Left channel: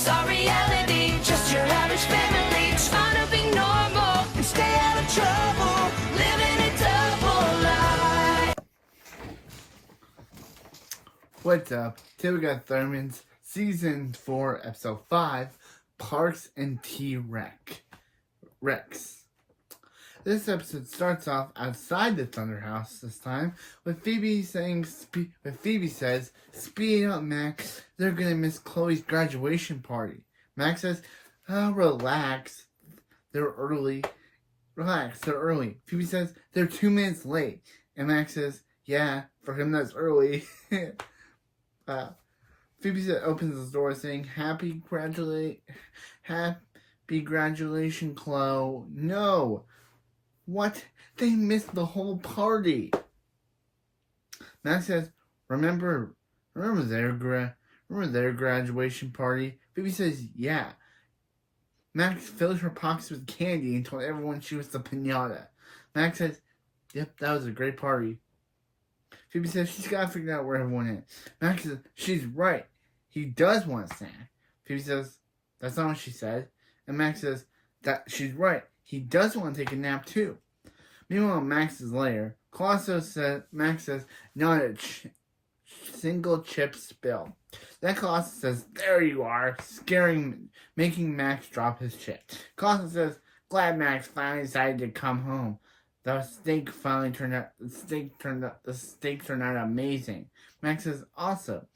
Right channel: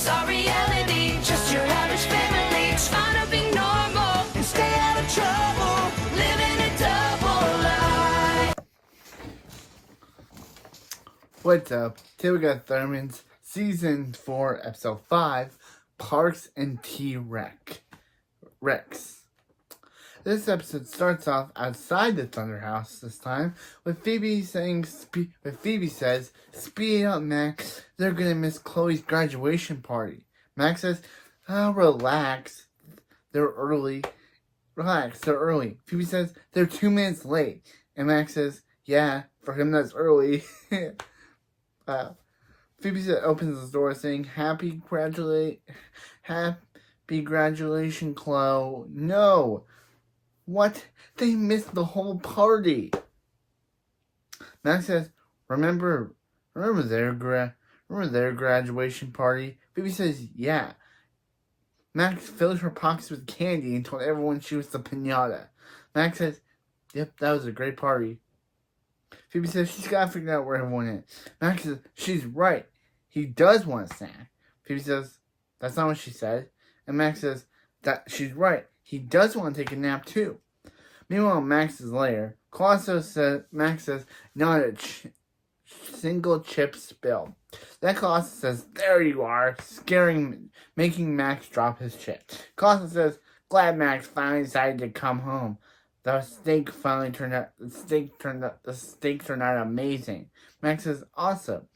It's our reality, just your average family, trying to be normal and stay out of trouble, living a double life. What's up? Today we got Thurman's Season 4, Episode 5, Parks and T-Rex. This episode starts off outside the Thunder House this time, with Phoebe says, "Speed up, Max. They're gonna miss Chloe's graduation party." Max says, relax. They're early. Relax, they're early. Phoebe says, "They're 2 minutes late." And Max says, "Yeah, for him that's early." Phoebe opens the door saying, Happy graduation, Chloe." No! What? They missed the whole party. Max says, remember their graduation party? Phoebe says, yeah. Max filled her pockets with candy and told everyone she was the piñata. Max says, yep, that was a great party. Phoebe says she's got to figure out where everyone is. Max says, she's right. He does want a snack. Phoebe says, that's not what she said. And Max says, that she's right. He does want to take a nap too. Meanwhile, Max's lair, Max says, not a single chip spill. Then Colosso says, there you are, making Max drop his chip. Colosso says, glad Max finally decided to come home. The steak turned out amazing. Max says, awesome.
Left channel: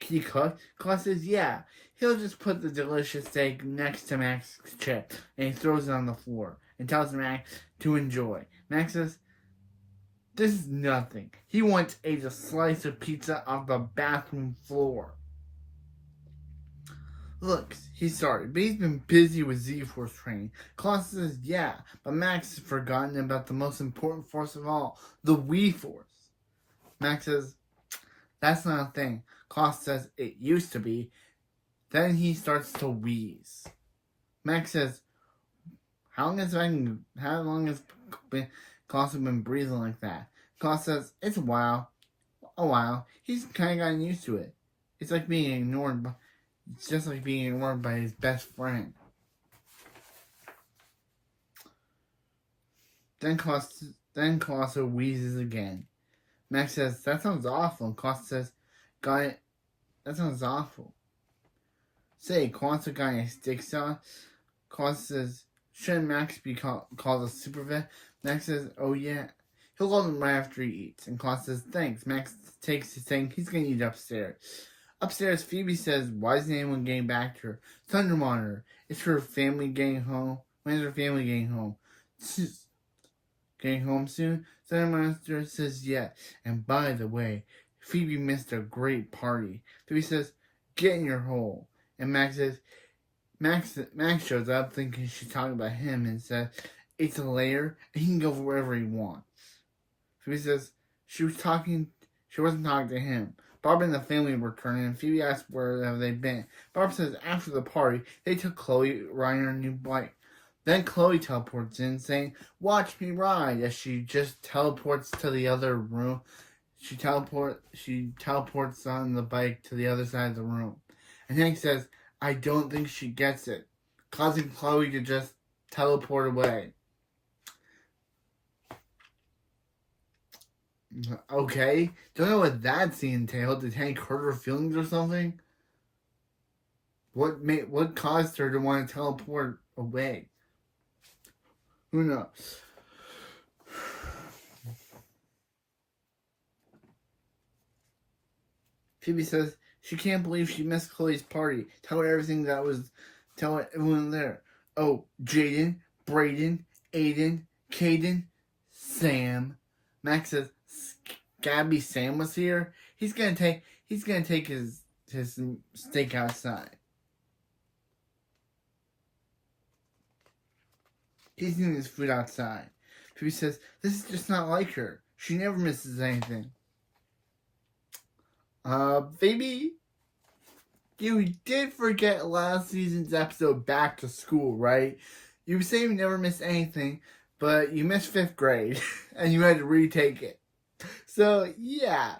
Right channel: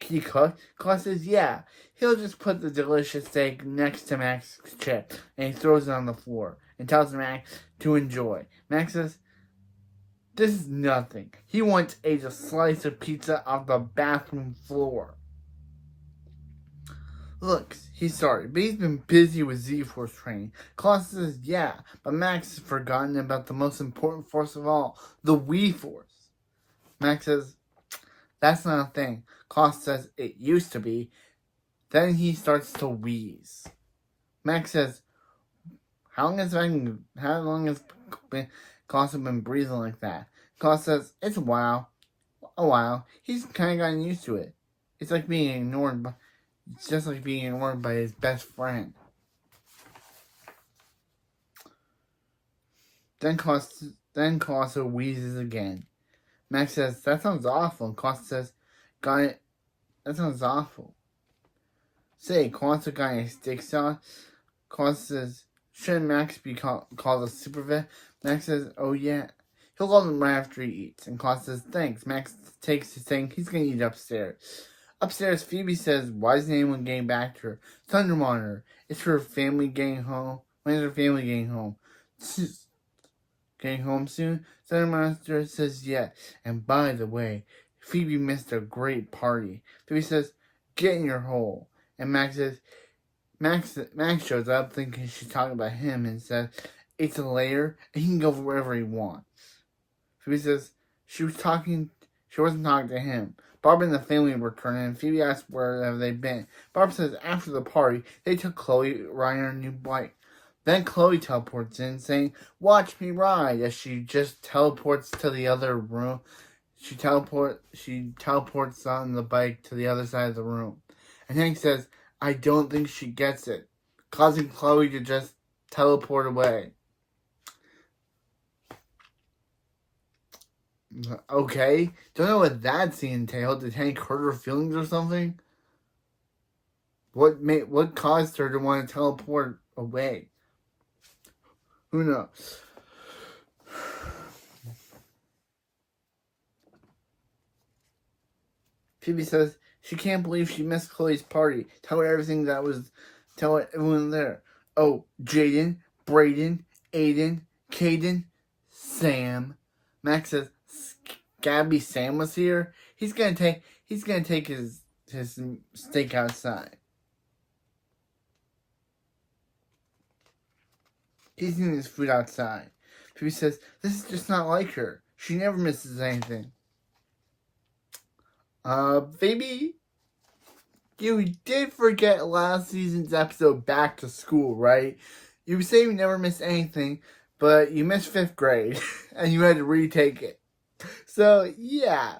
He cooked? Colosso says, yeah. He'll just put the delicious steak next to Max's chip, and he throws it on the floor, and tells Max to enjoy. Max says, this is nothing. He once ate a slice of pizza off the bathroom floor. Look, he's sorry, but he's been busy with Z-Force training. Colosso says, yeah, but Max has forgotten about the most important force of all, the Wii-Force. Max says, that's not a thing. Colosso says, it used to be. Then he starts to wheeze. Max says, how long has Colosso been breathing like that? Colosso says, it's a while. He's kind of gotten used to it. It's just like being ignored by his best friend. Then Colosso wheezes again. Max says, that sounds awful. And Colosso says, got it. That sounds awful. Say, Colosso got a steak sauce. Colosso says, shouldn't Max be called a super vet? Max says, oh yeah. He'll call him right after he eats. And Colosso says, thanks. Max takes his thing. He's going to eat upstairs. Upstairs, Phoebe says, why isn't anyone getting back to her? Thunder Monitor. Is her family getting home? When is her family getting home? Getting home soon? Thunder Monitor says yes. And by the way, Phoebe missed a great party. Phoebe says, get in your hole. And Max says, Max shows up thinking she's talking about him and says, it's a lair and he can go wherever he wants. Phoebe says, she wasn't talking to him. Barb and the family return and Phoebe asks where have they been. Barb says after the party, they took Chloe riding her new bike. Then Chloe teleports in saying, watch me ride, as she just teleports to the other room. She teleports on the bike to the other side of the room. And Hank says, I don't think she gets it, causing Chloe to just teleport away. Okay, don't know what that scene entailed. Did Hank hurt her feelings or something? What caused her to want to teleport away? Who knows? Phoebe says she can't believe she missed Chloe's party. Tell her everyone there. Oh, Jaden, Brayden, Aiden, Caden, Sam. Max says, Gabby, Sam was here. He's gonna take his steak outside. He's eating his food outside. Phoebe says, this is just not like her. She never misses anything. Phoebe, you did forget last season's episode Back to School, right? You say you never miss anything, but you missed 5th grade, and you had to retake it. So, yeah.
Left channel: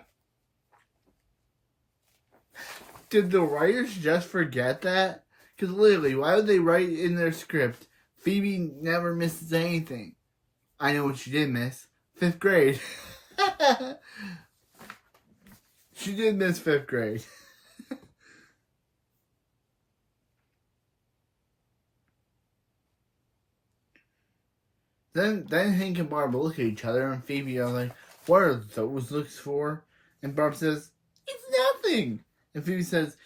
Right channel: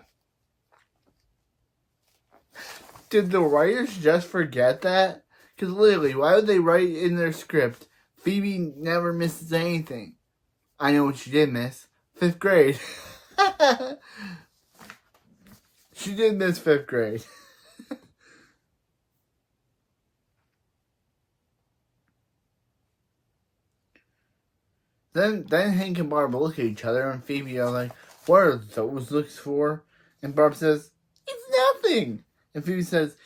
Did the writers just forget that? Because literally, why would they write in their script, Phoebe never misses anything? I know what she did miss. 5th grade. She did miss 5th grade. Then Hank and Barb look at each other, and Phoebe are like, what are those looks for? And Barb says, it's nothing. And Phoebe says,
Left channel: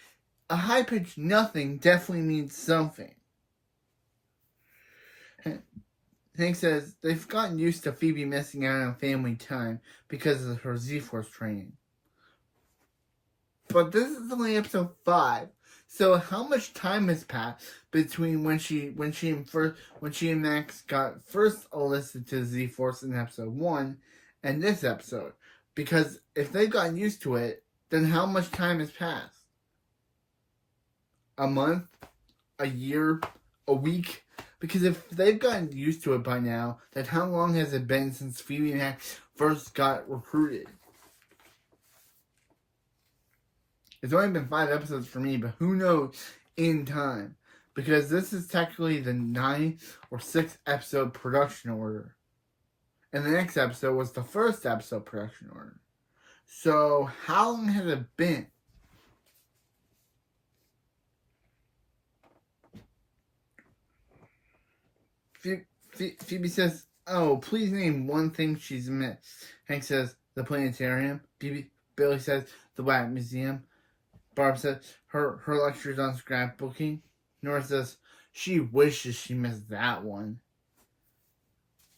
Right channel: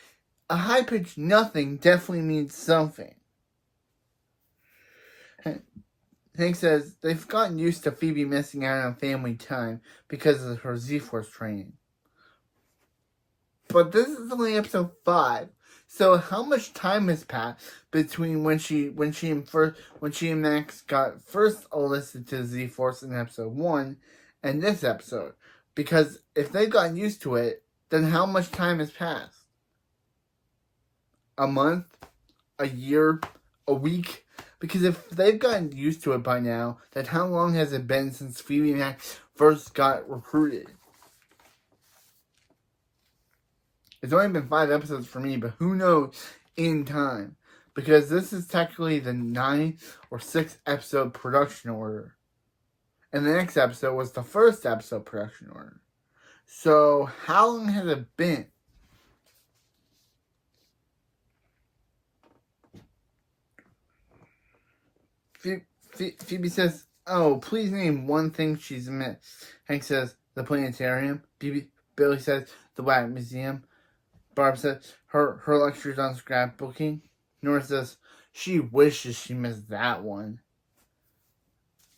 a high-pitched nothing definitely means something. Hank says they've gotten used to Phoebe missing out on family time because of her Z-Force training. But this is only episode 5. So how much time has passed between when she and Max got first enlisted to Z-Force in episode 1 and this episode? Because if they've gotten used to it, then how much time has passed? A month? A year? A week? Because if they've gotten used to it by now, then how long has it been since Phoebe and Max first got recruited? It's only been 5 episodes for me, but who knows in time? Because this is technically the 9th or 6th episode production order. And the next episode was the 1st episode production order. So, how long has it been? Phoebe says, oh, please name one thing she's missed. Hank says, the planetarium. Billy says, the White Museum. Barb says, her lectures on scrapbooking. Nora says, she wishes she missed that one.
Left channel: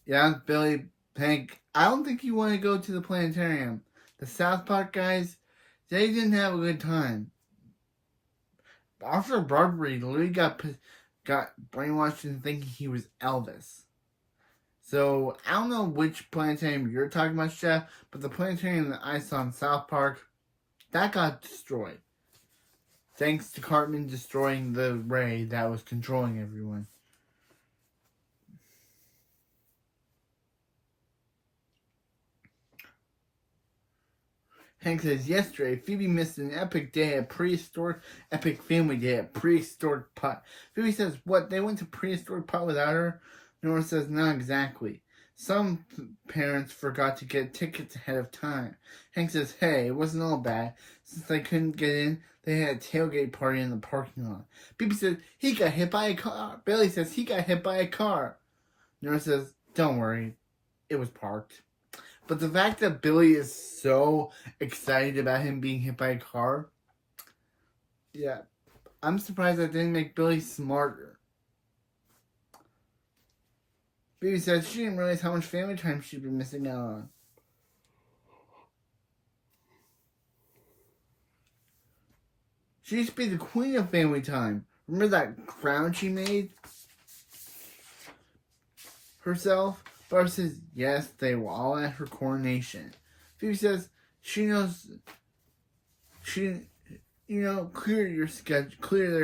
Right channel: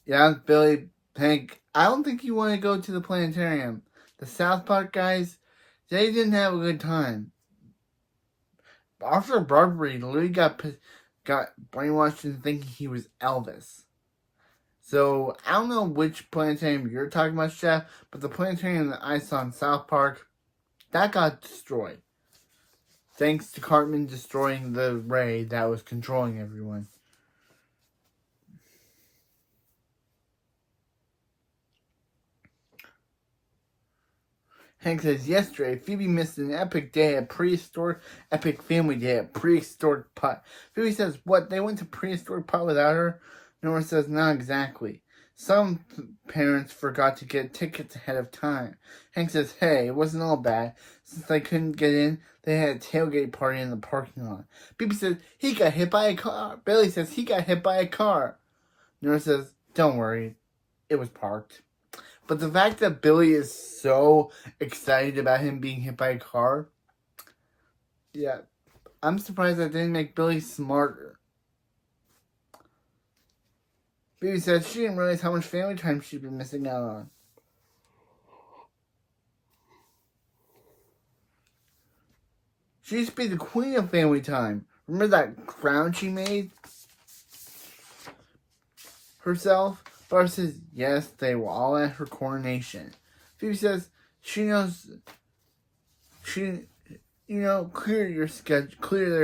Yeah, Billy, Hank, I don't think you want to go to the planetarium. The South Park guys, they didn't have a good time. Officer Barbary literally got brainwashed into thinking he was Elvis. So, I don't know which planetarium you're talking about, Chef, but the planetarium that I saw in South Park, that got destroyed. Thanks to Cartman destroying the ray that was controlling everyone. Hank says, yesterday, Phoebe missed an epic family day at prehistoric pot. Phoebe says, what, they went to prehistoric pot without her? Nora says, not exactly. Some parents forgot to get tickets ahead of time. Hank says, hey, it wasn't all bad. Since they couldn't get in, they had a tailgate party in the parking lot. Phoebe says, he got hit by a car. Billy says, he got hit by a car. Nora says, don't worry, it was parked. But the fact that Billy is so excited about him being hit by a car, yeah, I'm surprised that didn't make Billy smarter. Phoebe says she didn't realize how much family time she'd been missing out on. She used to be the queen of family time. Remember that crown she made herself? Barb says, yes, they were all at her coronation. Phoebe says, she knows, clear their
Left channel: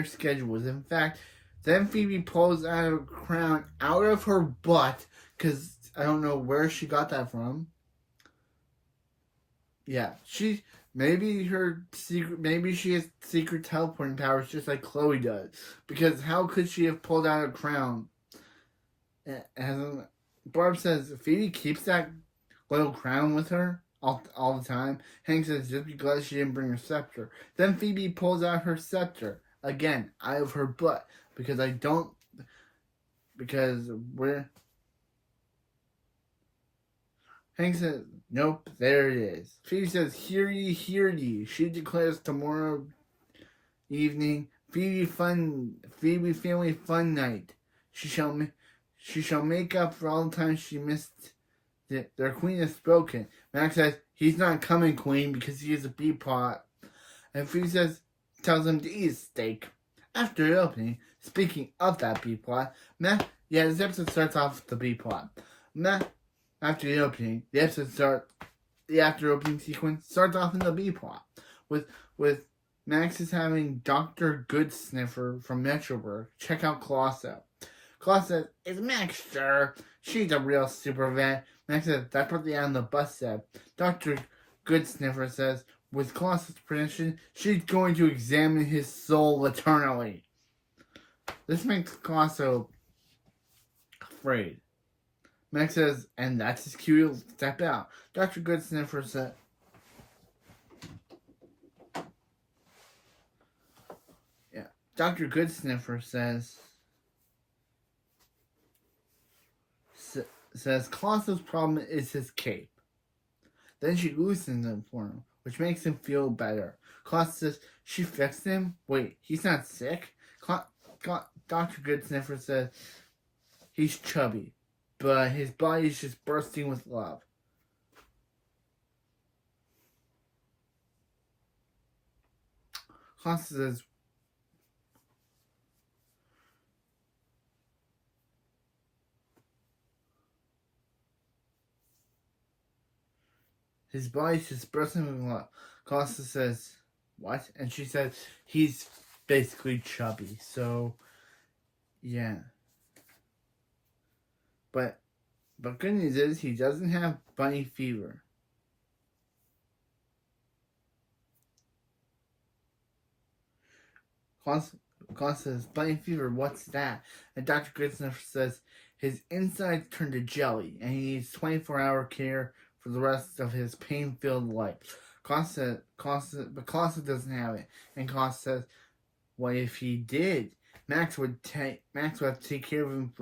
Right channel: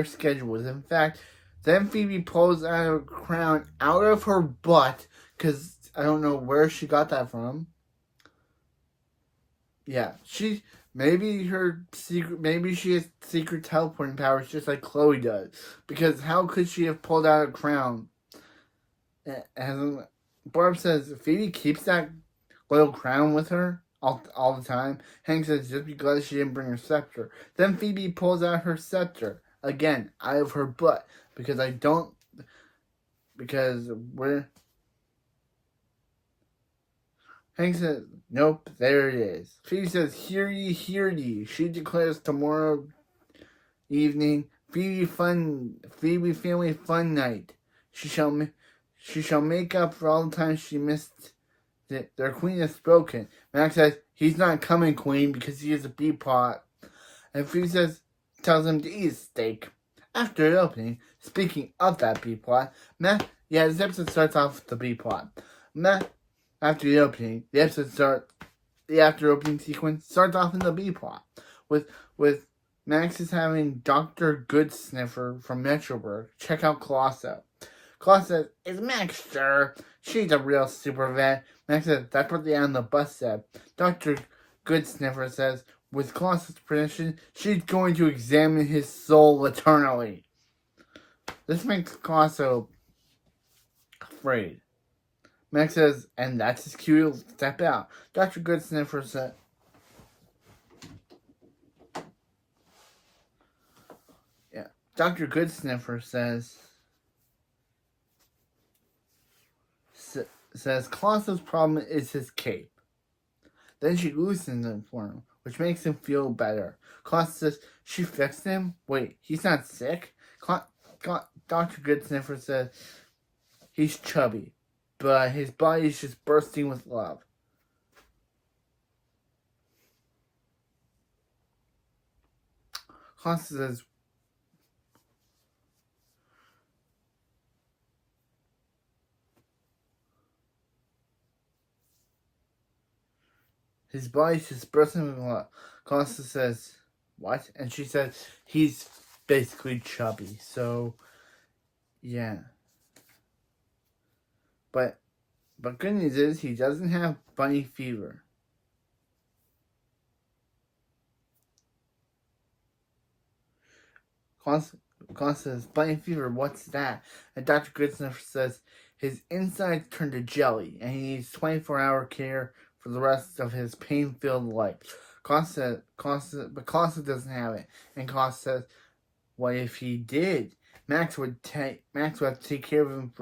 schedules. In fact, then Phoebe pulls out a crown out of her butt, because I don't know where she got that from. Yeah, maybe she has secret teleporting powers just like Chloe does. Because how could she have pulled out a crown? Barb says Phoebe keeps that little crown with her all the time. Hank says just because she didn't bring her scepter. Then Phoebe pulls out her scepter again out of her butt Hank says nope, there it is. Phoebe says hear ye. She declares tomorrow evening Phoebe family fun night. She shall make up for all the time she missed it. Their queen has spoken. Max says, he's not coming, queen, because he is a B-plot. And Phoebe tells him to eat a steak. After the opening, speaking of that B-plot, this episode starts off with the B-plot. After the opening, the after opening sequence starts off in the B-plot. With Max is having Dr. Goodsniffer from Metroburg check out Colosso. Claus says, is Max sure? She's a real super vet. Max says, that's what the on the bus said. Dr. Goodsniffer says, with Claus's prediction, she's going to examine his soul eternally. This makes Colosso afraid. Max says, and that's his cue to step out. Dr. Goodsniffer said, yeah. Dr. Goodsniffer says Colosso's problem is his cape. Then she loosens it for him, which makes him feel better. Colosso says, she fixed him? Wait, he's not sick? Dr. Goodsniffer says, he's chubby, but his body's just bursting with love. Colosso says, his body's just bursting with love. Colosso says, what? And she says, he's basically chubby. So, yeah. But good news is he doesn't have bunny fever. Colosso says, bunny fever, what's that? And Dr. Goodsniffer says, his insides turn to jelly, and he needs 24-hour care for the rest of his pain-filled life. Colosso doesn't have it. And Colosso says, what if he did? Max would have to take care of him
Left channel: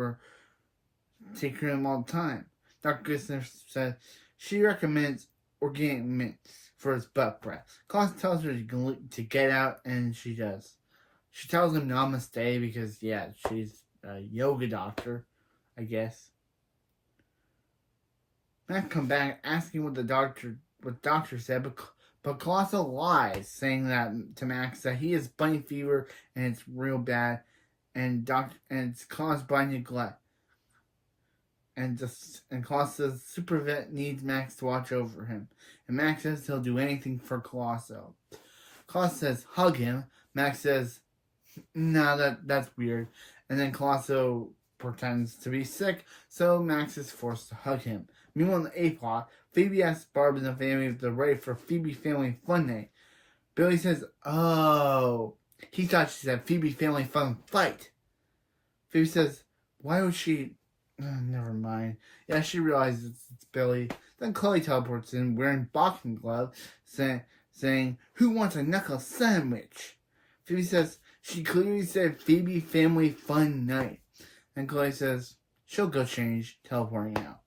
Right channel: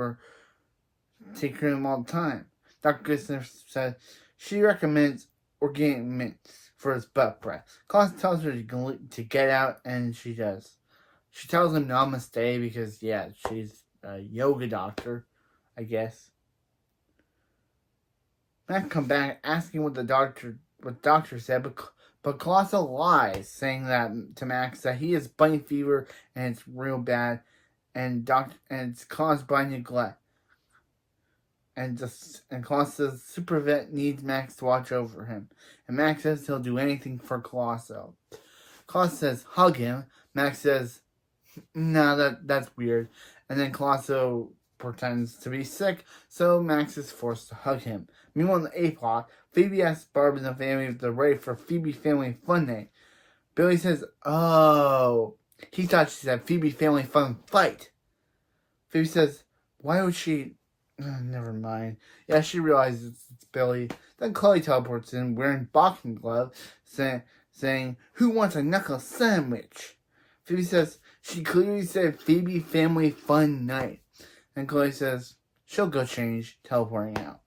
all the time. Dr. Goodsniffer says, she recommends organic mints for his butt breath. Colosso tells her to get out, and she does. She tells him namaste because, yeah, she's a yoga doctor, I guess. Max comes back asking what the doctor said, but Colosso lies, saying that to Max that he has bunny fever and it's real bad, and it's caused by neglect. And Colosso says super vet needs Max to watch over him, and Max says he'll do anything for Colosso. Colosso says hug him. Max says, no, that's weird. And then Colosso pretends to be sick, so Max is forced to hug him. Meanwhile, in the A-plot, Phoebe asks Barb and the family if they're ready for Phoebe Family Fun Day. Billy says, oh, he thought she said Phoebe Family Fun Fight. Phoebe says, why would she... Oh, never mind. Yeah, she realizes it's Billy. Then Chloe teleports in wearing boxing gloves, saying, who wants a knuckle sandwich? Phoebe says, she clearly said Phoebe Family Fun Night. And Chloe says, she'll go change, teleporting out.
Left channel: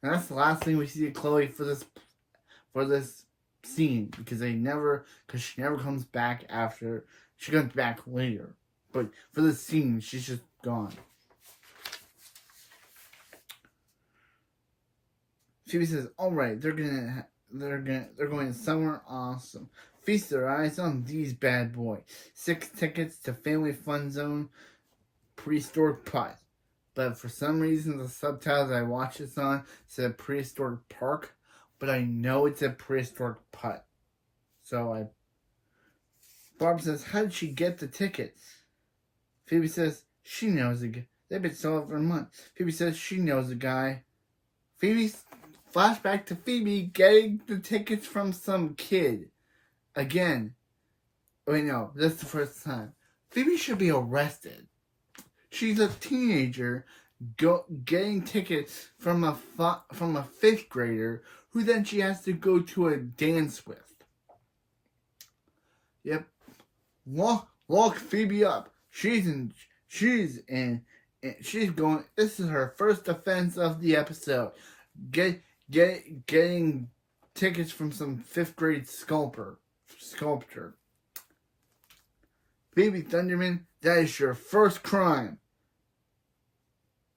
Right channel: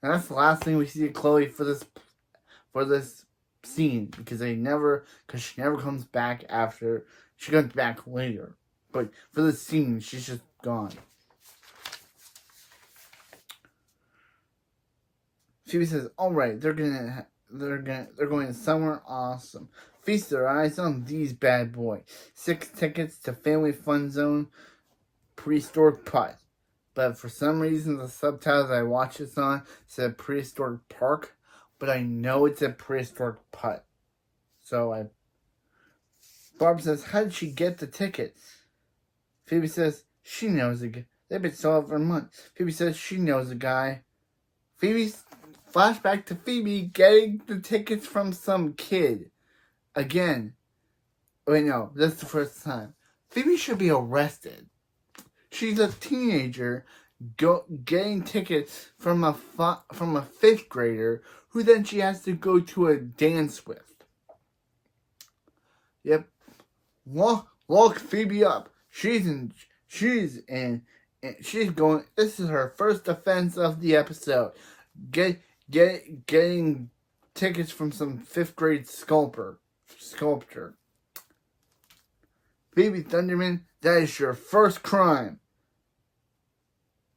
And that's the last thing we see of Chloe for this scene, because she never comes back after. She comes back later, but for this scene, she's just gone. Phoebe says, "All right, they're going somewhere awesome. Feast their eyes on these bad boys. 6 tickets to Family Fun Zone, Prehistoric Putt." But for some reason, the subtitles I watch this on said Prehistoric Park, but I know it's a Prehistoric Putt. So Barb says, how did she get the tickets? Phoebe says, she knows a guy. They've been sold for months. Phoebe says, she knows a guy. Flashback to Phoebe getting the tickets from some kid. Again. Wait, no, this is the first time. Phoebe should be arrested. She's a teenager getting tickets from a 5th grader who then she has to go to a dance with. Yep. Lock Phoebe up. She's going. This is her first offense of the episode. Getting tickets from some 5th grade sculptor. Phoebe Thunderman, that is your first crime.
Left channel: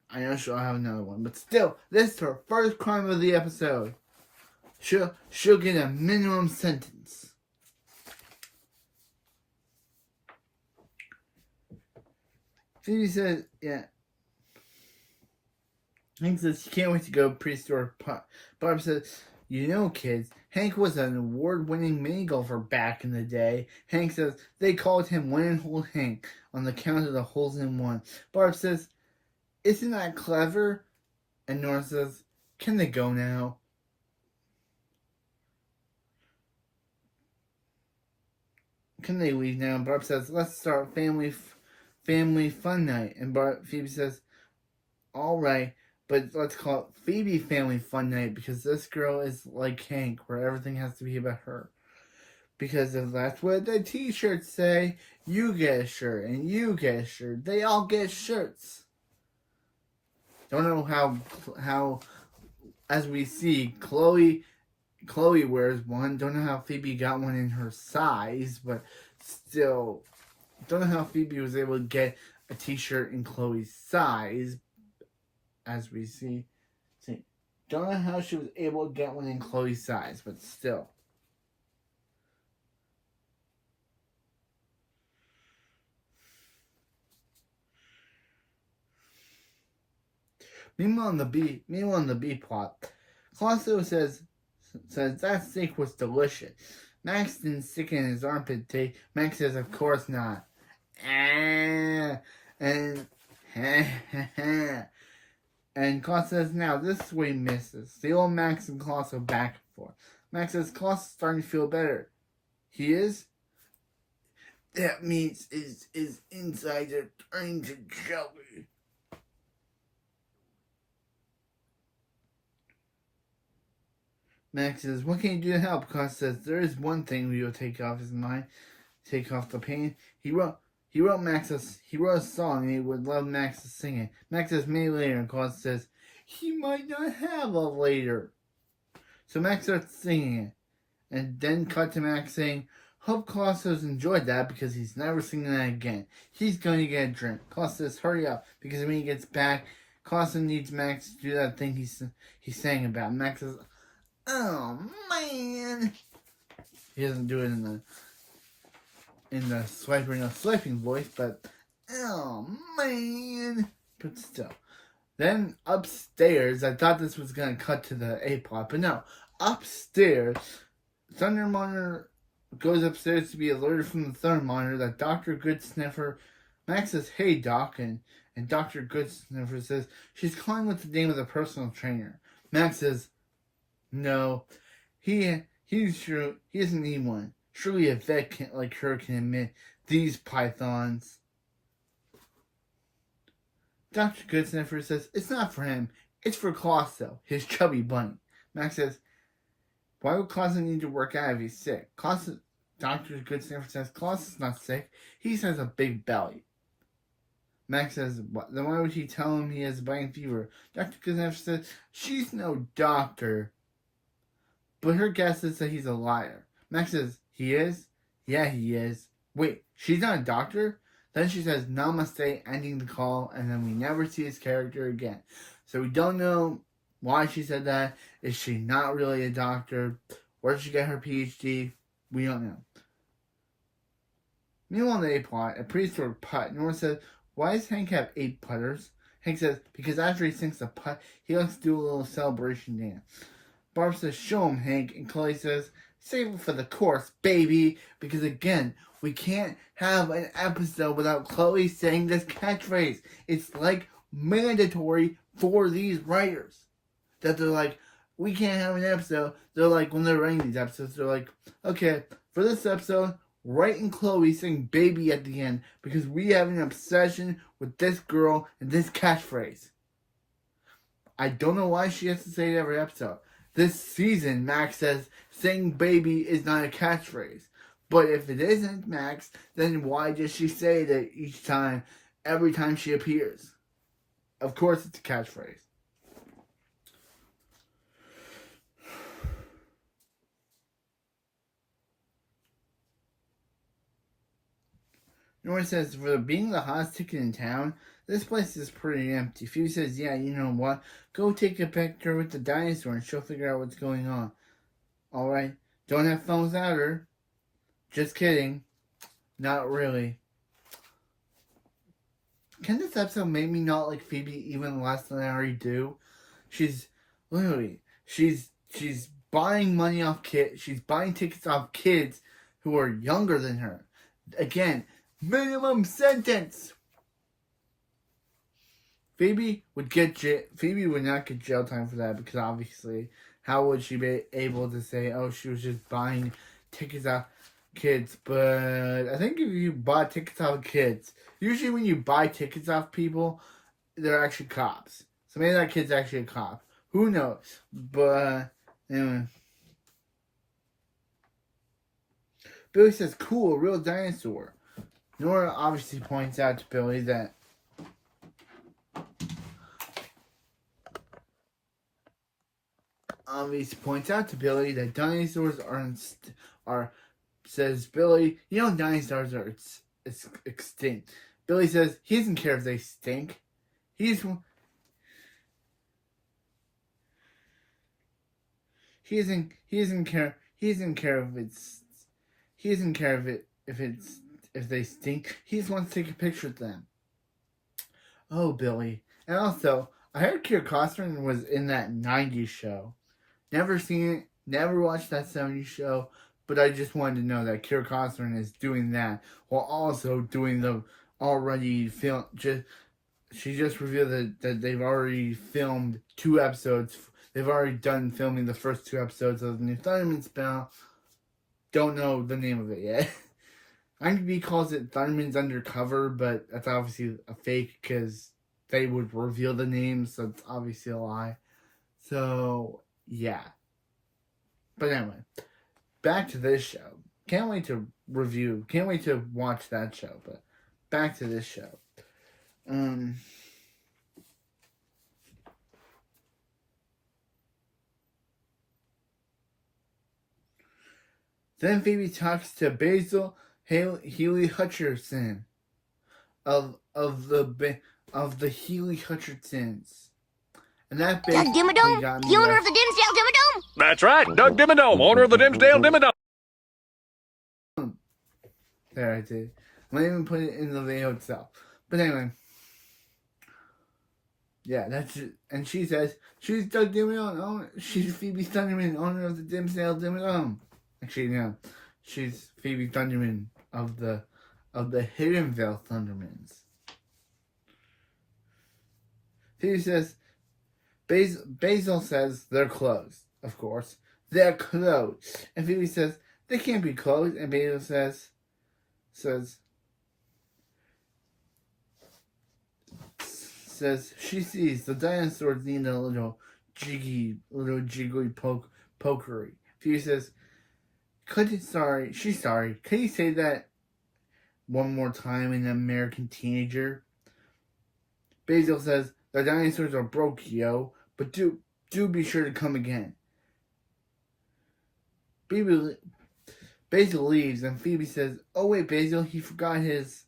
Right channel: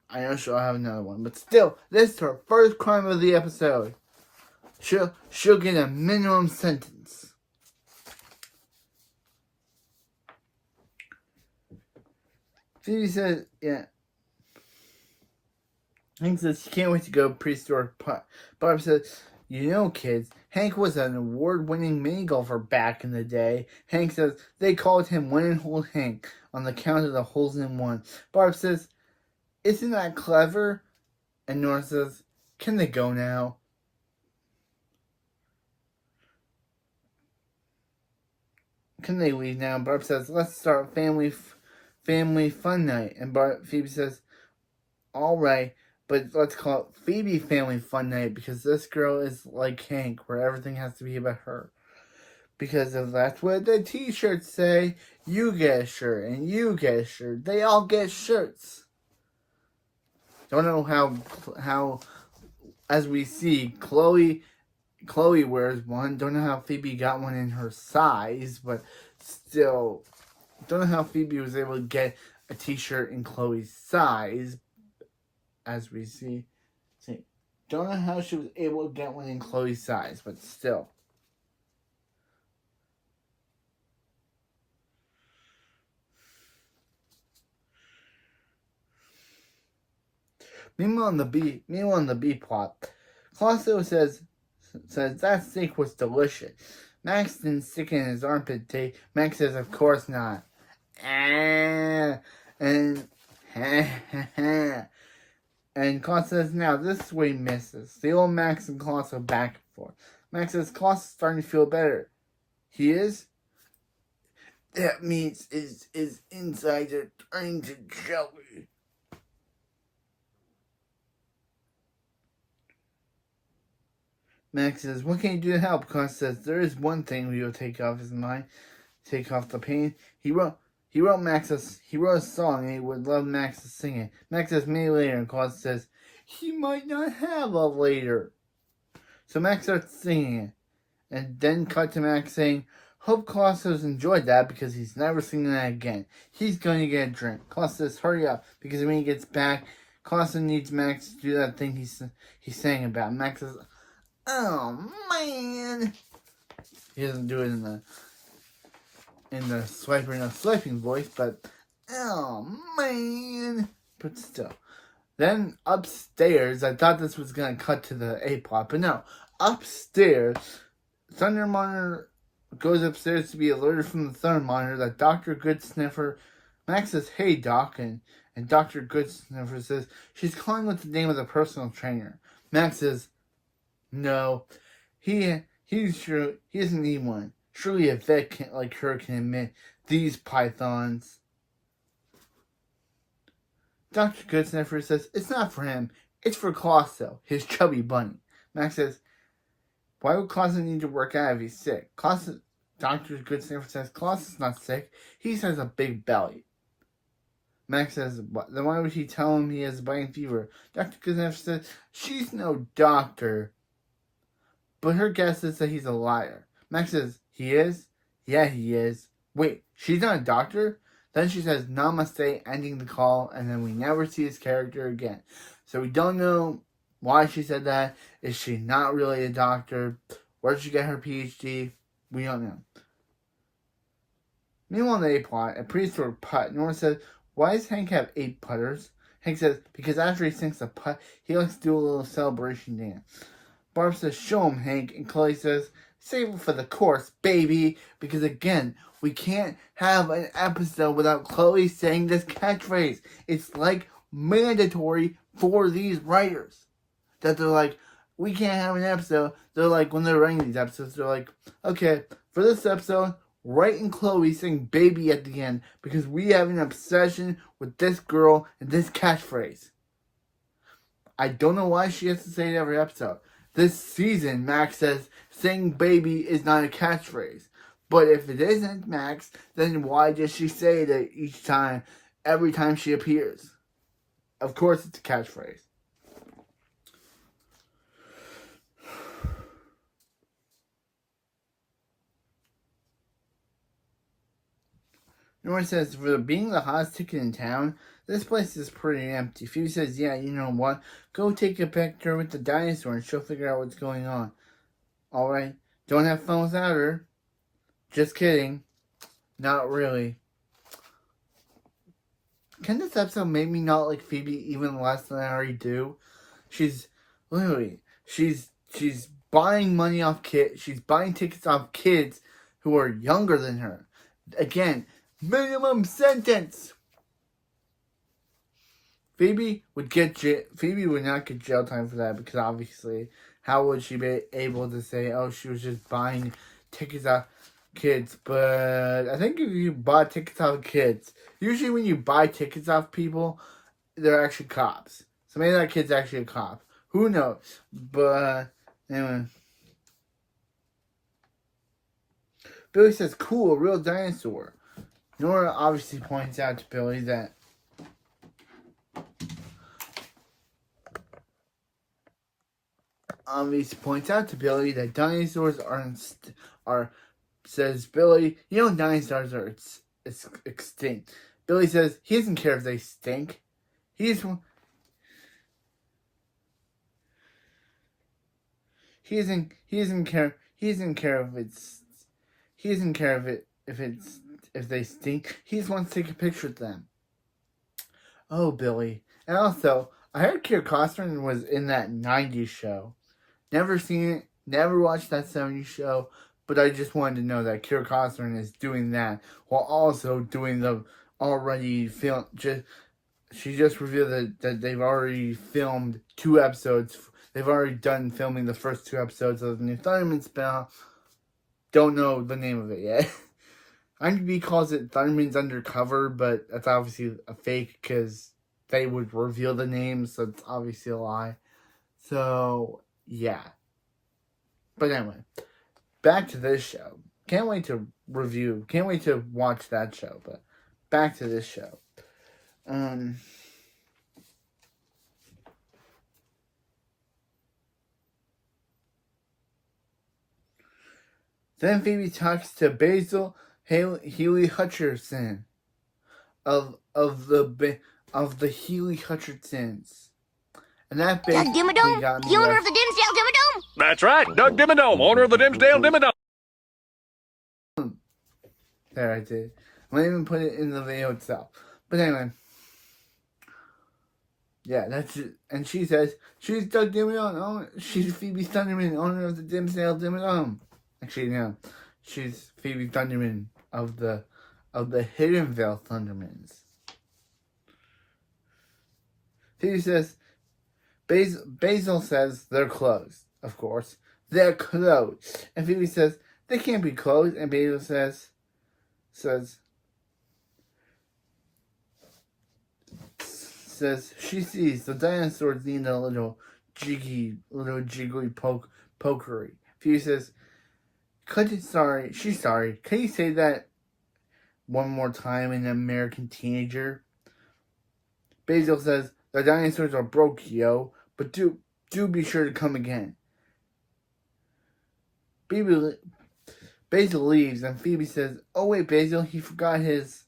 I know she'll have another one, but still, this is her first crime of the episode. She'll get a minimum sentence. Phoebe says, yeah. Hank says he can't wait to go prehistoric putt. Barb says, you know, kids, Hank was an award-winning mini golfer back in the day. Hank says they called him One-and-Hold Hank on the count of the holes in one. Barb says, isn't that clever? And Nora says, can they go now? Can they leave now? Barb says, let's start Family family fun night. And Phoebe says, alright, but let's call it Phoebe family fun night because this girl is like Hank, where everything has to be about her. Because if that's what the t-shirts say, you get a shirt, and you get a shirt. They all get shirts. Don't know how as we see, Chloe wears one. Don't know how Phoebe got one in her size, but still, don't know how Phoebe was able to get a t-shirt in Chloe's size, as we see. Don't know how she was able to get one in Chloe's size, but still. Meanwhile, in the B plot, Colosso says that steak was delicious. Max didn't stick it in his armpit tape. Max says, of course not. And Colosso says, now this is what he misses. The old Max and Colosso back and forth. Max says, Colosso's starting to feel better. He is? That means his insides are turning to jelly. Max says, what can you do to help? Colosso says, there is one thing we will take off his mind. Take off the pain. He wrote a song and he would love Max to sing it. Max says, maybe later, and Colosso says, he might not have a later. So Max starts singing it. And then cut to Max saying, hope Colosso's enjoyed that because he's never singing that again. He's going to get a drink. Colosso says, hurry up, because when he gets back, Colosso needs Max to do that thing he's saying about. Max says, oh man. He doesn't do it in the swiping voice, but oh man. But still. Then upstairs, I thought this was gonna cut to the A plot, but no. Upstairs, Thunder Monitor goes upstairs to be alerted from the Thunder Monitor that Dr. Goodsniffer. Max says, hey Doc, and Dr. Goodsniffer says she's calling with the name of the personal trainer. Max says, no, he's sure he doesn't need one. Surely a vet like her can admit these pythons. Dr. Goodsniffer says it's not for him, it's for Colosso, his chubby bunny. Max says, why would Colosso need to work out if he's sick? Dr. Goodsniffer says Colosso's not sick, he just has a big belly. Max says, then why would he tell him he has a biting fever? Dr. Goodsniffer says, she's no doctor. But her guess is that he's a liar. Max says, he is? Yeah, he is. Wait, she's not a doctor? Then she says, namaste, ending the call, and then we never see his character again. So we don't know why she said that. Is she not really a doctor? Where did she get her PhD? We don't know. Meanwhile, in the A plot, a priest threw a putt. Nora says, why does Hank have 8 putters? Hank says, because after he sinks a putt, he likes to do a little celebration dance. Barb says, show him, Hank. And Chloe says, save it for the course, baby. Because again, we can't have an episode without Chloe saying this catchphrase. It's like mandatory for these writers. That they're like, we can't have an episode. They're like, when they're writing these episodes, they're like, okay, for this episode, Wright and Chloe saying baby at the end. Because we have an obsession with this girl and this catchphrase. I don't know why she has to say it every episode. This season, Max says saying baby is not a catchphrase. But if it isn't, Max, then why does she say it each time, every time she appears? Of course it's a catchphrase. Nora says, for being the hottest ticket in town, this place is pretty empty. Phoebe says, yeah, you know what? Go take a picture with the dinosaur and she'll figure out what's going on. Alright? Don't have fun without her. Just kidding. Not really. Can this episode make me not like Phoebe even less than I already do? She's buying money off kids. She's buying tickets off kids who are younger than her. Again, minimum sentence. Phoebe would not get jail time for that because obviously, how would she be able to say, oh, she was just buying tickets off kids, but I think if you bought tickets off kids, usually when you buy tickets off people, they're actually cops. So maybe that kid's actually a cop. Who knows? But anyway. Billy says, cool, a real dinosaur. Nora obviously points out to Billy that dinosaurs are says Billy, you know dinosaurs are extinct. Billy says he doesn't care if they stink. He doesn't care if they stink. He just wants to take a picture with them. Oh, Billy. And also, I heard Kira Costner was in that 90s show. Never seen it, never watched that 70s show, but I just wanted to know that Kira Costner is doing that while also doing the already film. She just revealed that they've already filmed 2 episodes. They've already done filming the first 2 episodes of the new Thunderman spell. Don't know the name of it yet. IMDb calls it Thunderman's Undercover, but that's obviously a fake because they would reveal the name, so it's obviously a lie. So, yeah. But anyway, back to this show. Can't wait to watch that show, but back to this show. Then Phoebe talks to Basil Healy Hutcherson of the Healy Hutchersons. And that Doug Dimmadome, the owner of the Dimsdale Dimmadome. That's right, Doug Dimmadome, owner of the Dimsdale Dimmadome. There, I did. I didn't even put it in the video itself. But anyway. Yeah, that's it. And she says, she's Doug Dimmadome, she's Phoebe Thunderman, owner of the Dimsdale Dimmadome. Actually, no. She's Phoebe Thunderman of the Hiddenvale Thundermans. Phoebe says, Basil says they're closed, of course. They're closed. And Phoebe says, they can't be closed. And Basil says, she sees the dinosaurs need a little jiggly pokery. Phoebe says, she's sorry. Can you say that one more time in American Teenager? Basil says, the dinosaurs are broke, yo, but do be sure to come again. Basil leaves, and Phoebe says, oh wait, Basil, he forgot his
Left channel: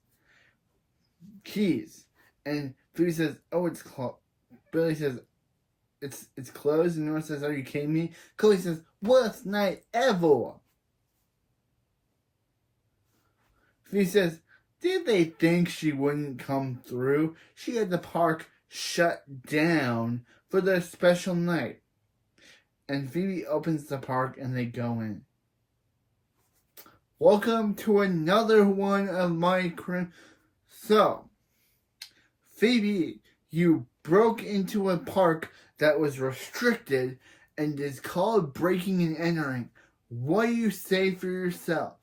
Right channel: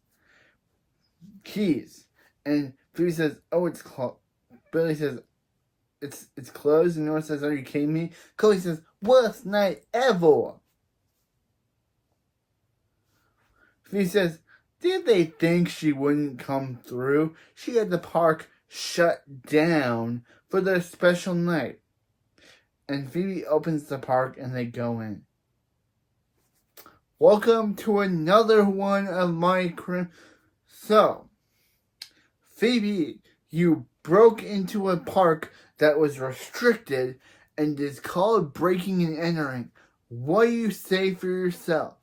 keys. And Phoebe says, oh, it's closed. Billy says, it's closed, and Nora says, are you kidding me? Chloe says, worst night ever. Phoebe says, did they think she wouldn't come through? She had the park shut down for their special night. And Phoebe opens the park and they go in. Welcome to another one of my So, Phoebe, you broke into a park that was restricted and is called breaking and entering. What do you say for yourself?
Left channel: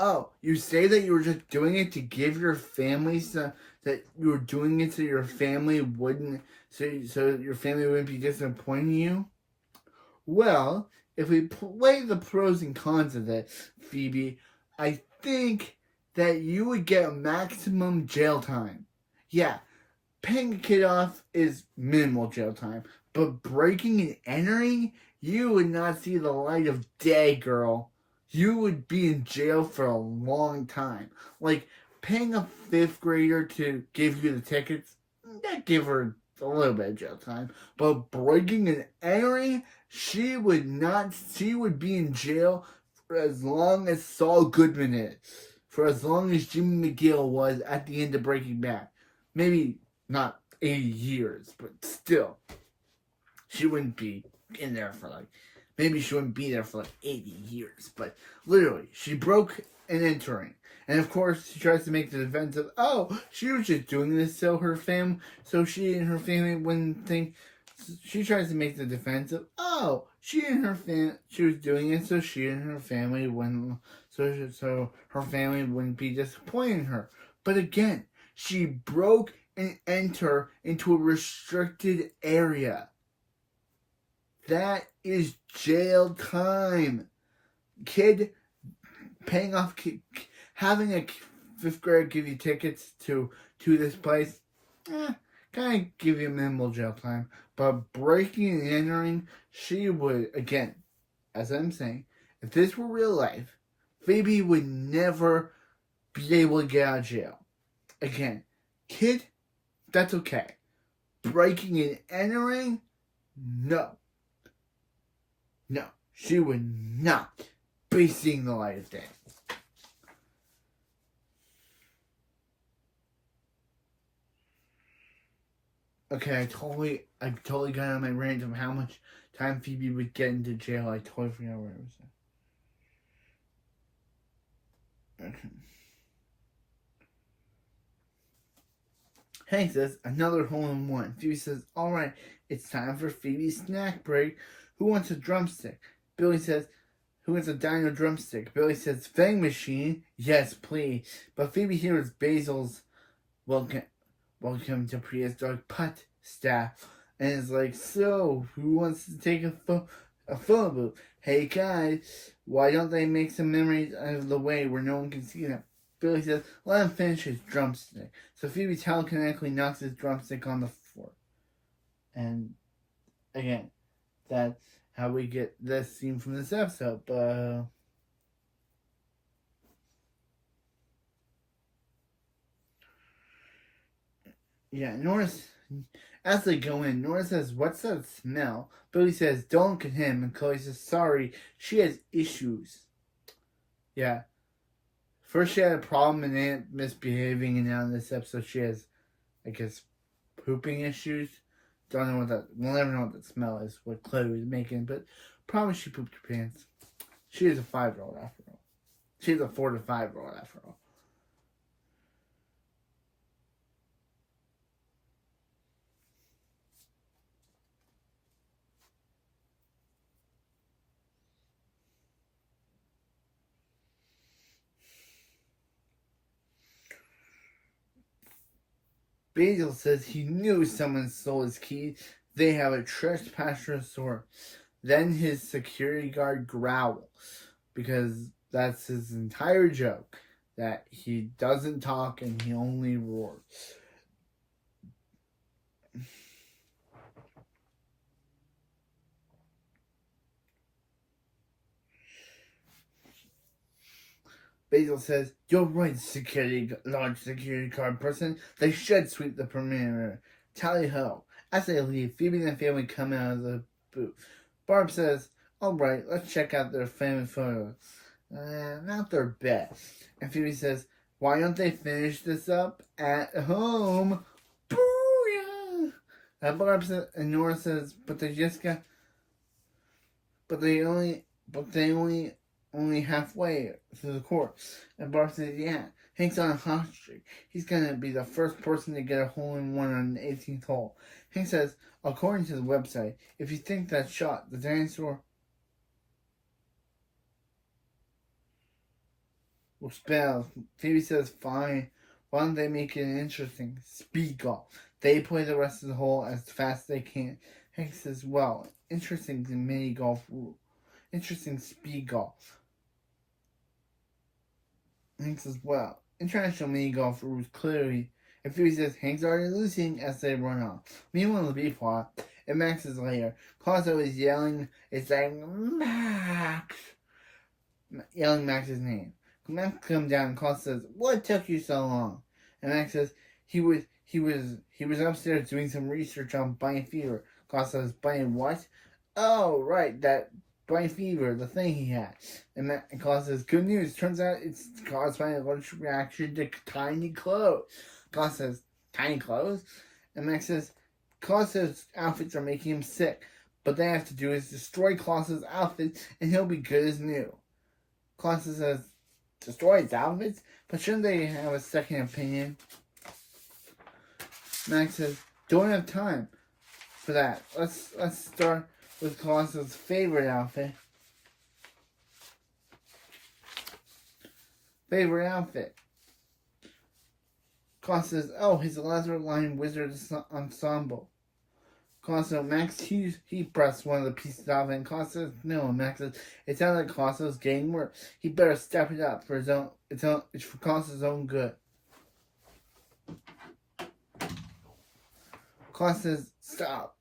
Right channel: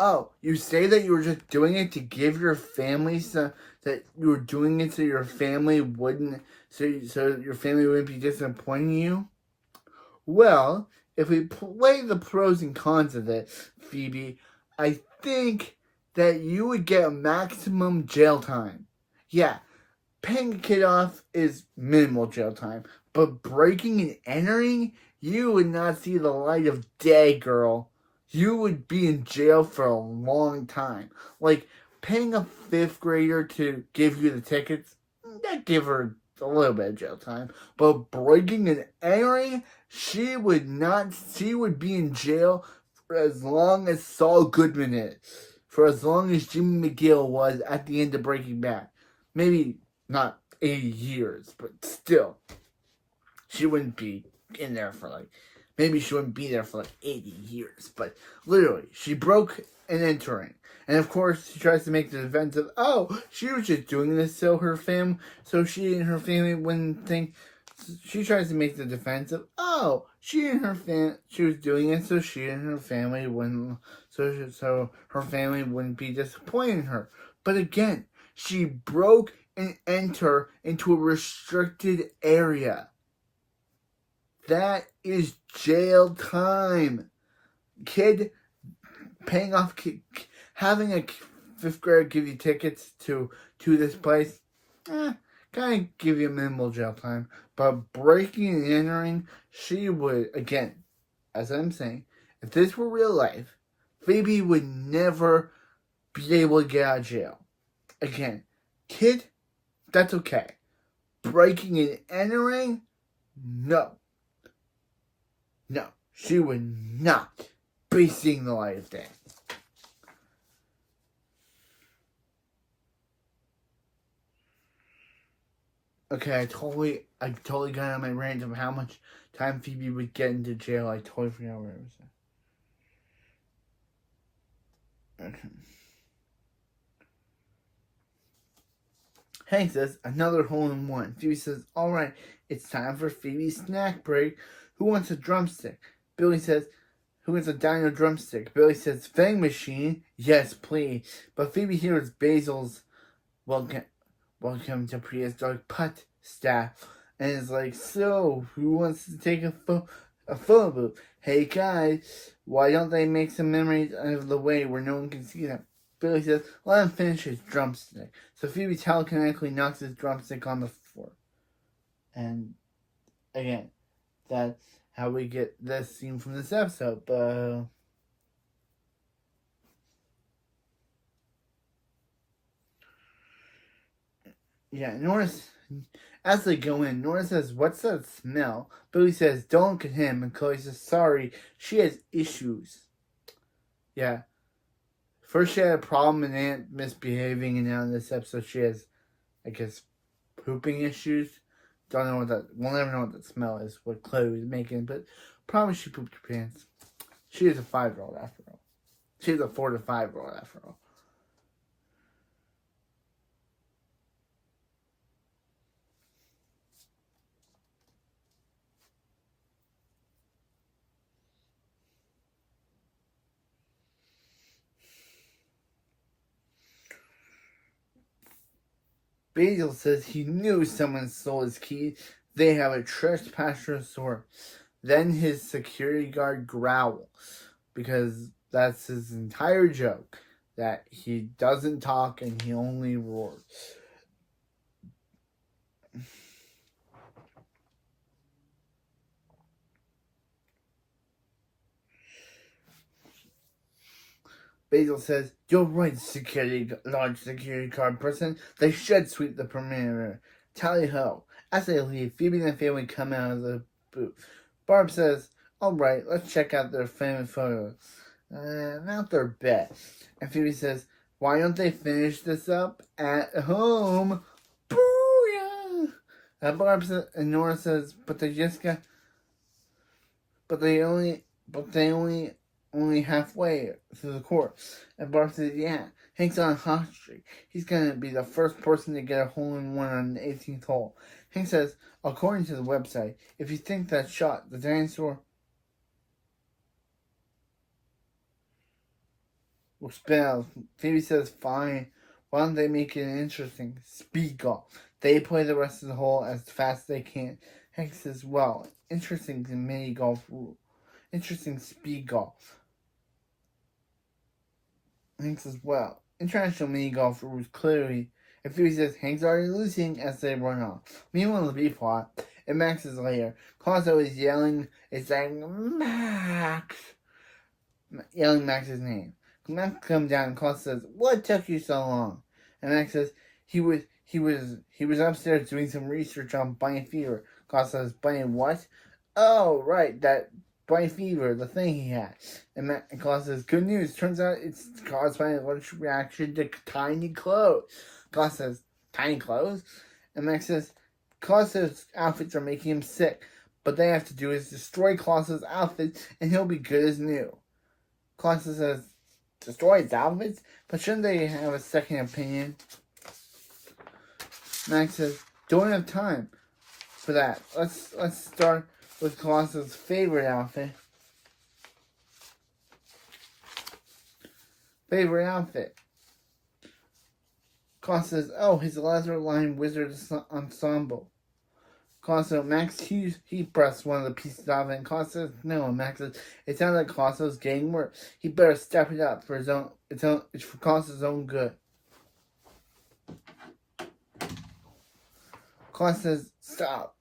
Oh, you say that you were just doing it to give your family that you were doing it so your family wouldn't be disappointing you? Well, if we play the pros and cons of it, Phoebe, I think that you would get maximum jail time. Yeah, paying a kid off is minimal jail time, but breaking and entering, you would not see the light of day, girl. You would be in jail for a long time. Like, paying a 5th grader to give you the tickets, that give her a little bit of jail time. But breaking and entering, she would be in jail for as long as Saul Goodman is. For as long as Jimmy McGill was at the end of Breaking Bad. Maybe not 80 years, but still. She wouldn't be in there for maybe she wouldn't be there for 80 years, but literally, she broke and entering. And of course, she tries to make the defense of, oh, she was just doing this so she and her family wouldn't think. She tries to make the defense of, oh, she was doing it so she and her family wouldn't so her family wouldn't be disappointed in her. But again, she broke and entered into a restricted area. That is jail time. Kid paying off, having a 5th grader give you tickets to this place, kind of give you minimal jail time. But breaking and entering, she would, again, as I'm saying, if this were real life, Phoebe would never be able to get out of jail. Again, kid, that's okay. Breaking and entering, no. No, she would not be seeing the light of day. Okay, I totally got on my rant of how much time Phoebe would get into jail. I totally forgot what I was saying. Okay. Hank says, another hole-in-one. Phoebe says, alright, it's time for Phoebe's snack break. Who wants a drumstick? Billy says, who wants a dino drumstick? Billy says, Fang machine. Yes, please. But Phoebe hears Basil's welcome to prehistoric putt staff. And is like, so, who wants to take a photo booth? Hey guys, why don't they make some memories out of the way where no one can see them? Billy says, let him finish his drumstick. So Phoebe telekinetically knocks his drumstick on the floor. And, again, that's how we get this scene from this episode. But yeah, Norris, as they go in, Norris says, what's that smell? Billy says, don't look at him. And Chloe says, sorry, she has issues. Yeah. First she had a problem and Aunt misbehaving, and now in this episode she has, I guess, pooping issues. Don't know what that, we'll never know what that smell is, what Chloe was making, but probably she pooped her pants. She is a 5-year-old after all. She's a 4 to 5-year-old after all. Basil says he knew someone stole his key. They have a trespasser sword. Then his security guard growls, because that's his entire joke, that he doesn't talk and he only roars. Basil says, you're right, large security guard person. They should sweep the perimeter. Tally-ho. As they leave, Phoebe and the family come out of the booth. Barb says, alright, let's check out their family photos. Not their best. And Phoebe says, why don't they finish this up at home? Booyah! And Barb says, and Nora says, but they only halfway through the course. And Barb says, yeah, Hank's on a hot streak. He's gonna be the first person to get a hole-in-one on the 18th hole. Hank says, according to the website, if you think that shot, the dinosaur will spell. Phoebe says, fine. Why don't they make it interesting? Speed golf. They play the rest of the hole as fast as they can. Hank says, well, interesting mini golf rule. Interesting speed golf. Hank says, well, international mini golf rules clearly. And Phoebe says, Hank's already losing as they run off. Meanwhile, the B plot, in Max's lair, colosso is yelling, it's like, Max! Yelling Max's name. Max comes down and colosso says, what took you so long? And Max says, he was upstairs doing some research on brain fever. Colosso says, brain what? Oh, right, that brain fever, the thing he had. And Colosso says, good news, turns out it's caused by an allergic reaction to tiny clothes. Colosso says, tiny clothes? And Max says, Colosso's outfits are making him sick. But they have to do is destroy Colosso's outfits and he'll be good as new. Colosso says, destroy his outfits? But shouldn't they have a second opinion? Max says, don't have time for that. Let's start with Colosso's favorite outfit. favorite outfit. Claus says, oh, he's a Lazarus Line Wizard Ensemble. Claus says, Max, he pressed one of the pieces out of it, and Claus says, no. Max says, it sounds like Claus is getting worse. He better step it up for his own, it's for Claus's own good. Claus says, stop.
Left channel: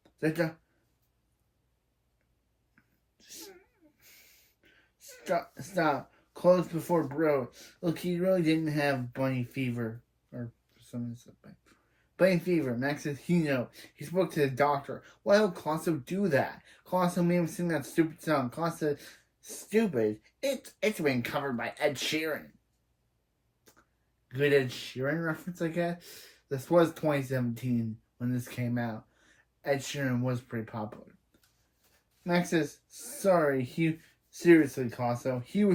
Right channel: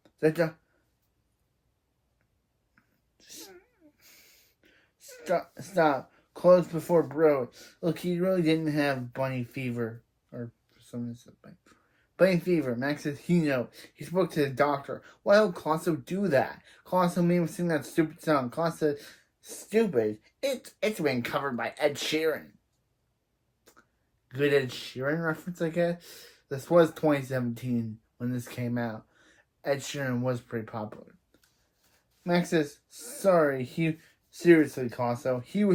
Stop. Close before bro. Look, he really didn't have bunny fever. Or something like bunny fever. Max says he knows. He spoke to the doctor. Why would Colosso do that? Colosso made him sing that stupid song. Colosso said, stupid? It's been covered by Ed Sheeran. Good Ed Sheeran reference, I guess? This was 2017 when this came out. Ed Sheeran was pretty popular. Max says, sorry, seriously, Colosso. He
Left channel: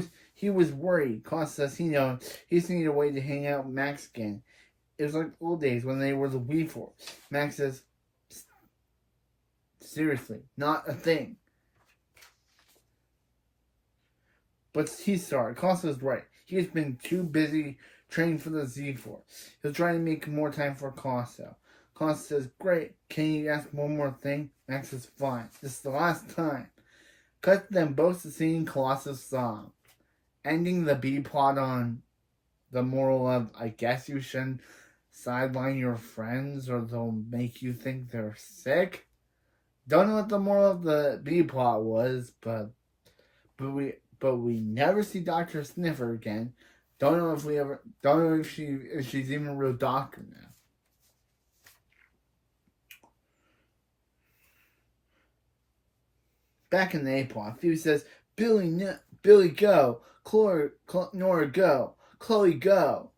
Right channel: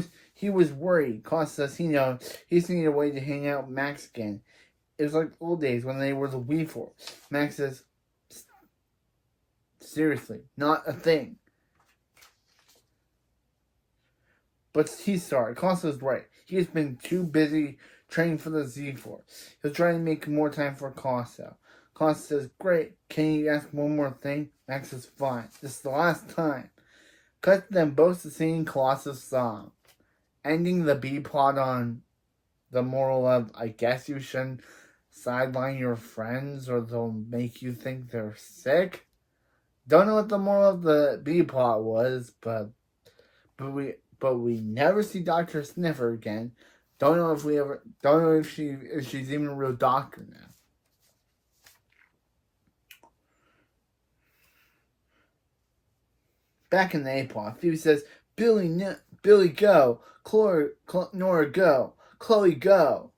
was worried. Colosso says he knows he's needed a way to hang out with Max again. It was like old days when they were the Wii Force. Max says, seriously, not a thing. But he's sorry. Colosso's right. He's been too busy training for the Z-Force. He'll try to make more time for Colosso. Colosso says, great. Can you ask one more thing? Max says, fine. This is the last time. Cut them both to singing Colossus' song. Ending the B-plot on the moral of, I guess you shouldn't sideline your friends or they'll make you think they're sick. Don't know what the moral of the B-plot was, but we never see Dr. Sniffer again. Don't know if she's even a real doctor now. Back in the A-plot, Phoebe says, Billy, go. Nora, go. Chloe, go.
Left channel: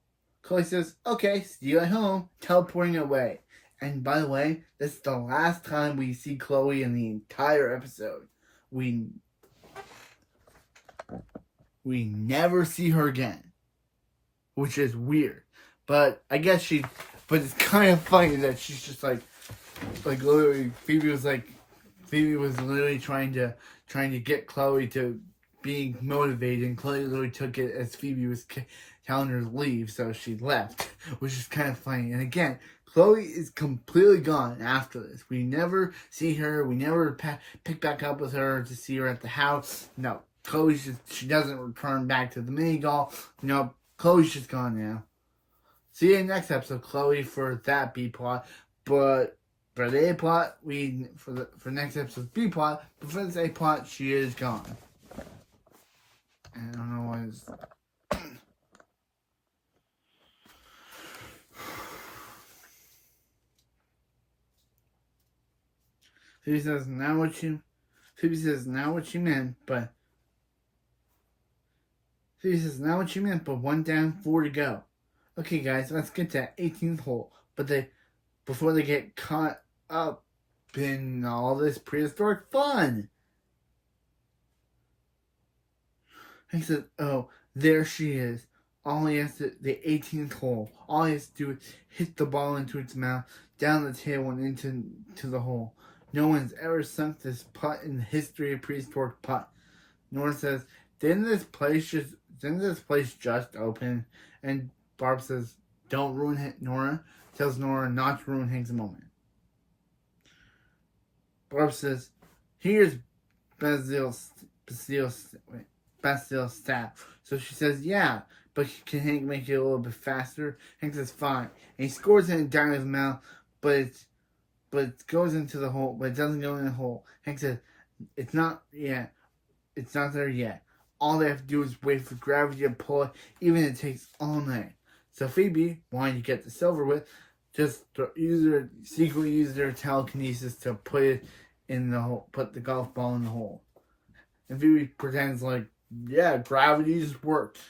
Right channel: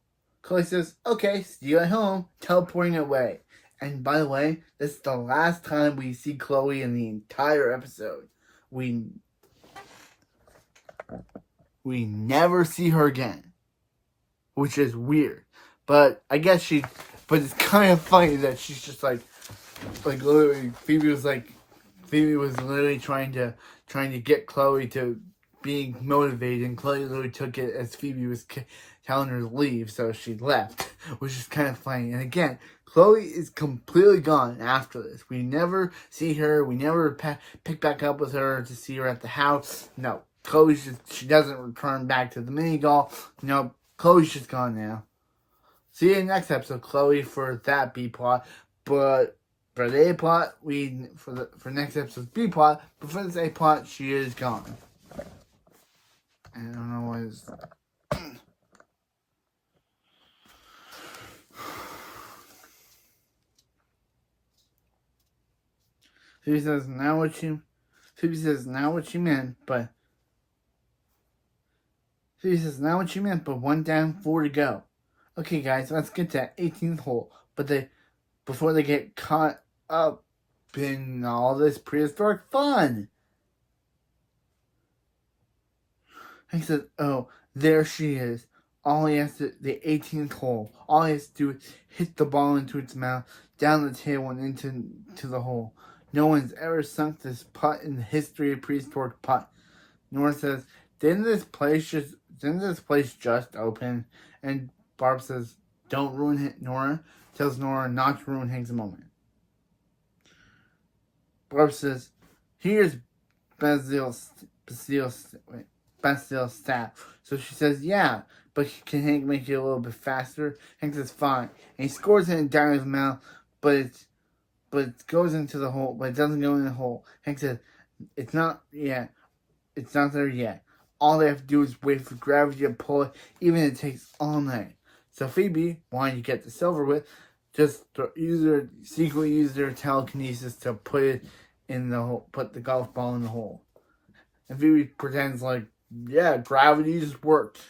Chloe says, okay, see you at home. Teleporting away. And by the way, this is the last time we see Chloe in the entire episode. We never see her again. Which is weird. But I guess but it's kind of funny that she's just like literally, Phoebe was literally trying to get Chloe to being motivated, and Chloe literally took it as Phoebe was telling her to leave, so she left, which is kind of funny. And again, Chloe is completely gone after this. We never see her. We never pick back up with her to see her at the house. No, she doesn't return back to the mini golf. No, Chloe's just gone now. See you in the next episode, Chloe, for that B plot. But for the A plot, for next episode's B plot, but for this A plot, she is gone. I don't know what is. Phoebe says now what you meant, but Phoebe says now what you meant, but 1 down, 4 to go. Okay, guys, let's get to that 18th hole. But before they get caught up in all this prehistoric fun. He said, oh, there she is. The 18th hole. All he has to do is hit the ball into its mouth, down the table, and into the hole. No one's ever sunk this putt in the history of prehistoric putt. Nora says, didn't this place just open? And Barb says, don't ruin it, Nora. Tells Nora not to ruin Hank's moment. Barb says, here's Basil's staff. So she says, yeah, but can Hank make it a little bit faster? Hank says, fine. And he scores it in Diamond's mouth, but it goes into the hole, but it doesn't go in the hole. Hank says, it's not there yet. All they have to do is wait for gravity to pull it, even if it takes all night. So Phoebe, wanting to get this over with, just secretly used her telekinesis to put the golf ball in the hole. And Phoebe pretends like, yeah, gravity just worked.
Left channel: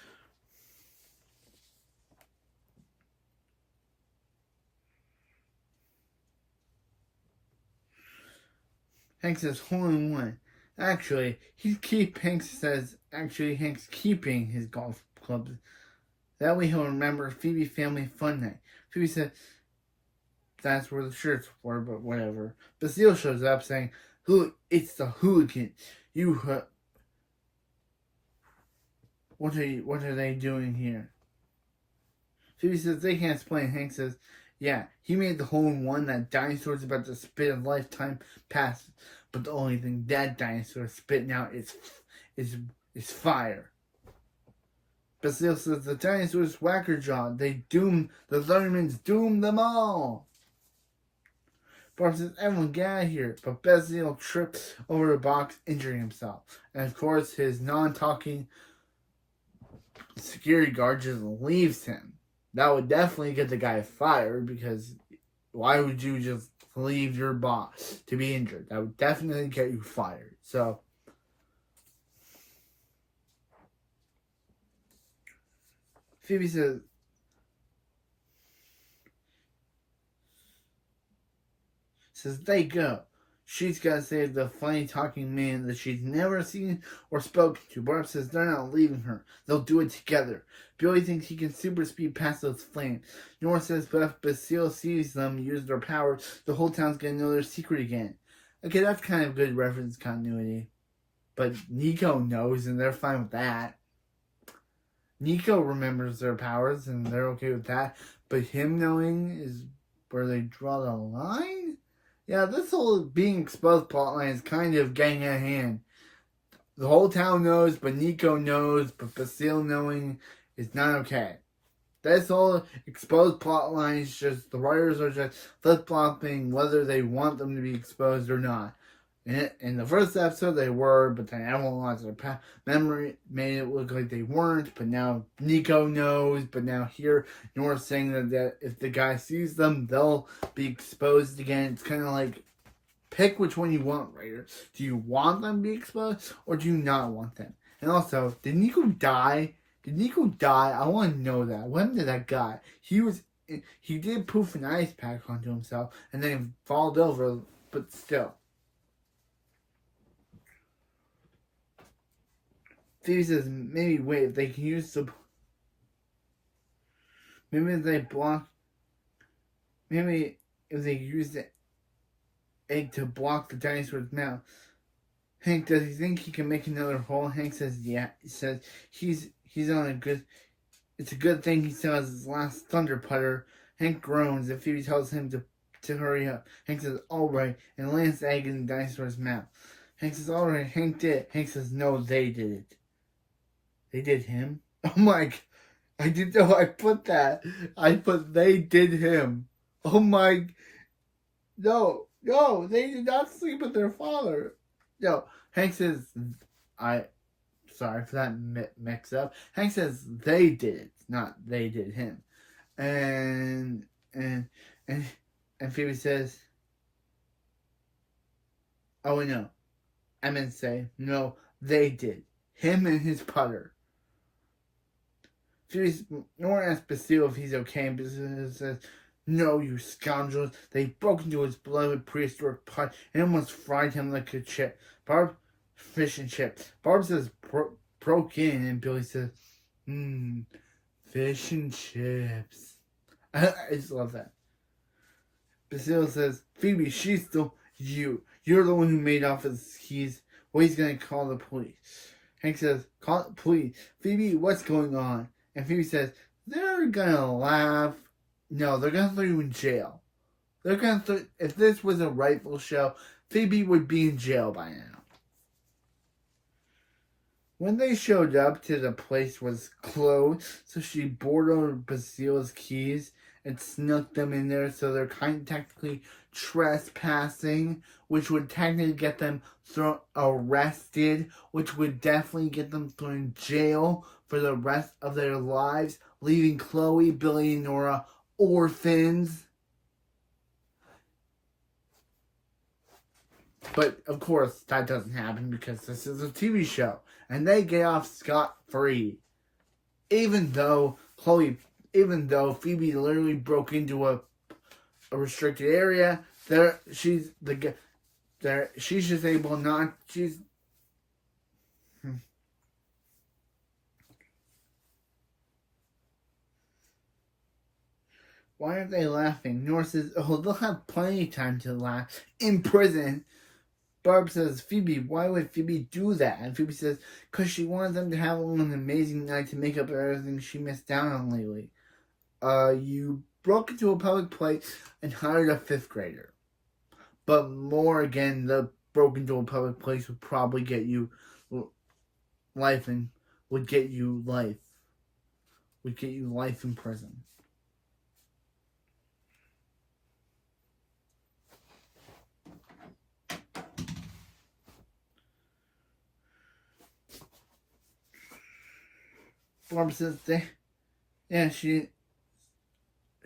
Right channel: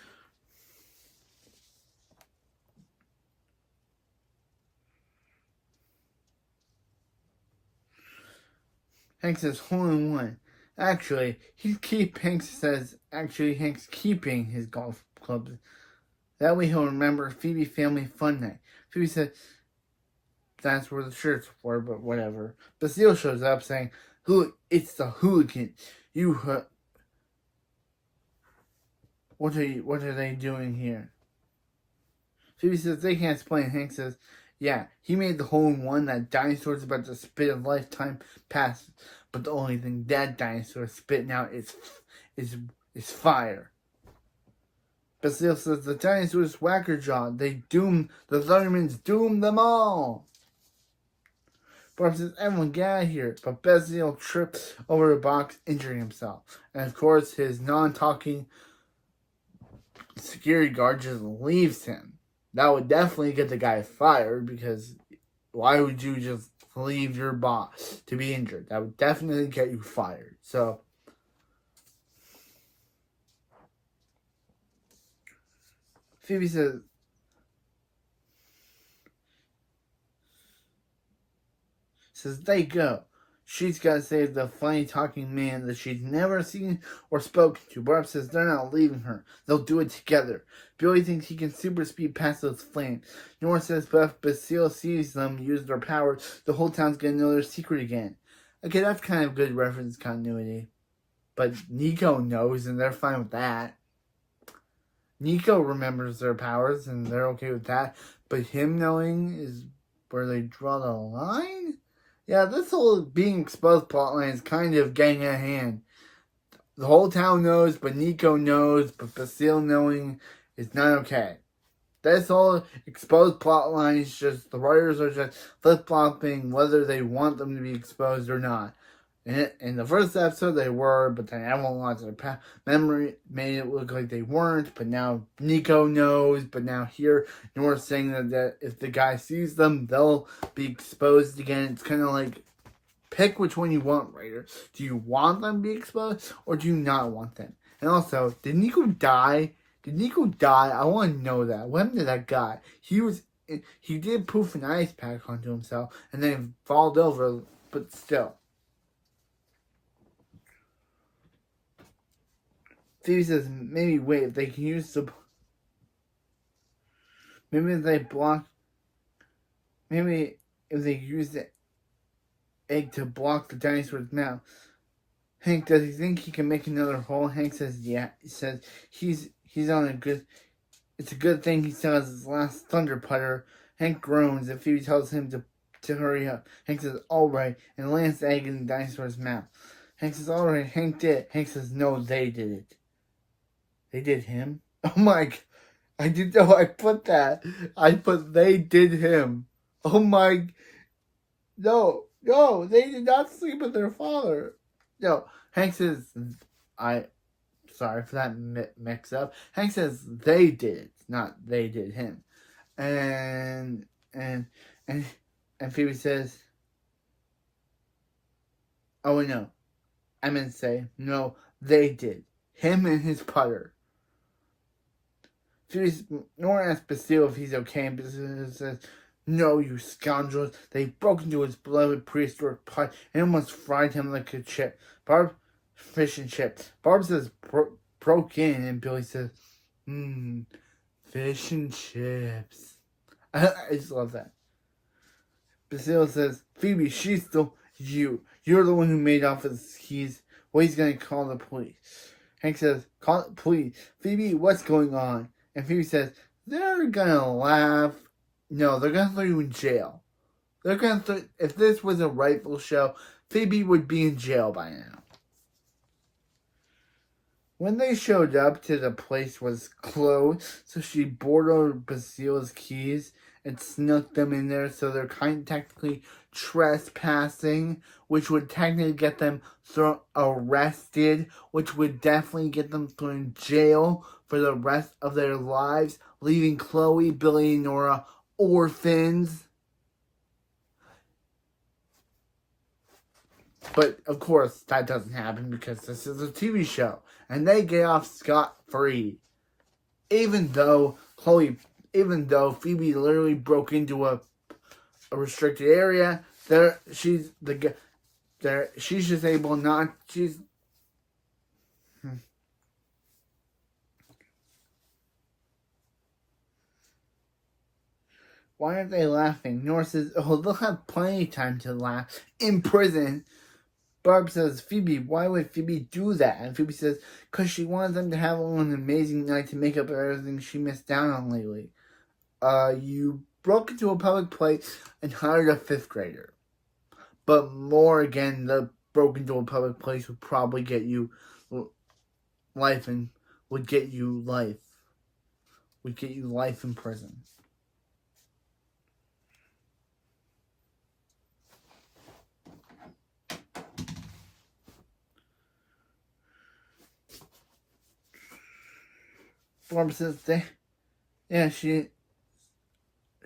Hank says, hole in one. Actually, Hank's keeping his golf clubs. That way he'll remember Phoebe family fun night. Phoebe said, that's where the shirts were, but whatever. Basile shows up saying, it's the hooligan. What are they doing here? Phoebe says they can't explain. Hank says, yeah, he made the hole in one that dinosaurs about to spit a lifetime past, but the only thing that dinosaur is spitting out is fire. Basile says the dinosaurs wackerjaw. The Thundermans doomed them all. Barb says, everyone get out of here. But Basile trips over a box, injuring himself. And of course, his non-talking security guard just leaves him. That would definitely get the guy fired, because why would you just leave your boss to be injured? That would definitely get you fired. So, Phoebe says, they go. She's got to save the funny talking man that she's never seen or spoken to. Barb says they're not leaving her. They'll do it together. Billy thinks he can super speed past those flames. Nora says if Basile sees them use their power, the whole town's going to know their secret again. Okay, that's kind of good reference continuity. But Nico knows, and they're fine with that. Nico remembers their powers, and they're okay with that. But him knowing is where they draw the line? Yeah, this whole being exposed plotline is kind of getting at hand. The whole town knows, but Nico knows, but Basile knowing is not okay. This whole exposed plotline is just, the writers are just flip-flopping whether they want them to be exposed or not. In the first episode they were, but then everyone lost their memory, made it look like they weren't, but now Nico knows, but now here Nora's saying that if the guy sees them, they'll be exposed again. It's kind of like, pick which one you want, writer. Do you want them to be exposed, or do you not want them? And also, did Nico die? I want to know that. What happened to that guy? He did poof an ice pack onto himself, and then falled over, but still. Phoebe says, maybe wait, they can use the... Maybe if they use the egg to block the dinosaur's mouth. Hank, does he think he can make another hole? Hank says, yeah. He says, he's on a good... It's a good thing he still has his last thunder putter. Hank groans and Phoebe tells him to hurry up. Hank says, alright, and lands the egg in the dinosaur's mouth. Hank says, alright, Hank did it. Hank says, no, they did it. They did him? Oh my... I didn't know I put that. I put they did him. Oh my... No, they did not sleep with their father. No, Hank says... Sorry for that mix up. Hank says they did it, not they did him. And Phoebe says... Oh no. I meant to say, no, they did. Him and his putter. Nora asks Basile if he's okay, and Basile says, no, you scoundrels. They broke into his beloved prehistoric pot and almost fried him like a chip. Fish and chips. Barb says, broke in, and Billy says, fish and chips. I just love that. Basile says, Phoebe, she's still you. You're the one who made off his keys. Well, he's going to call the police. Hank says, call the police. Phoebe, what's going on? And Phoebe says, they're gonna laugh. No, they're gonna throw you in jail. They're gonna if this was a rightful show, Phoebe would be in jail by now. When they showed up to the place was closed, so she borrowed Basile's keys and snuck them in there, so they're kind of technically trespassing, which would technically get them arrested, which would definitely get them thrown in jail for the rest of their lives, leaving Chloe, Billy, and Nora orphans. But, of course, that doesn't happen because this is a TV show, and they get off scot-free. Even though Phoebe literally broke into a restricted area, she's just able not... Why aren't they laughing? Nora says, oh, they'll have plenty of time to laugh in prison. Barb says, Phoebe, why would Phoebe do that? And Phoebe says, because she wanted them to have an amazing night to make up for everything she missed out on lately. you broke into a public place and hired a 5th grader. But more again, the broke into a public place would probably get you life and would get you life in prison. Barb says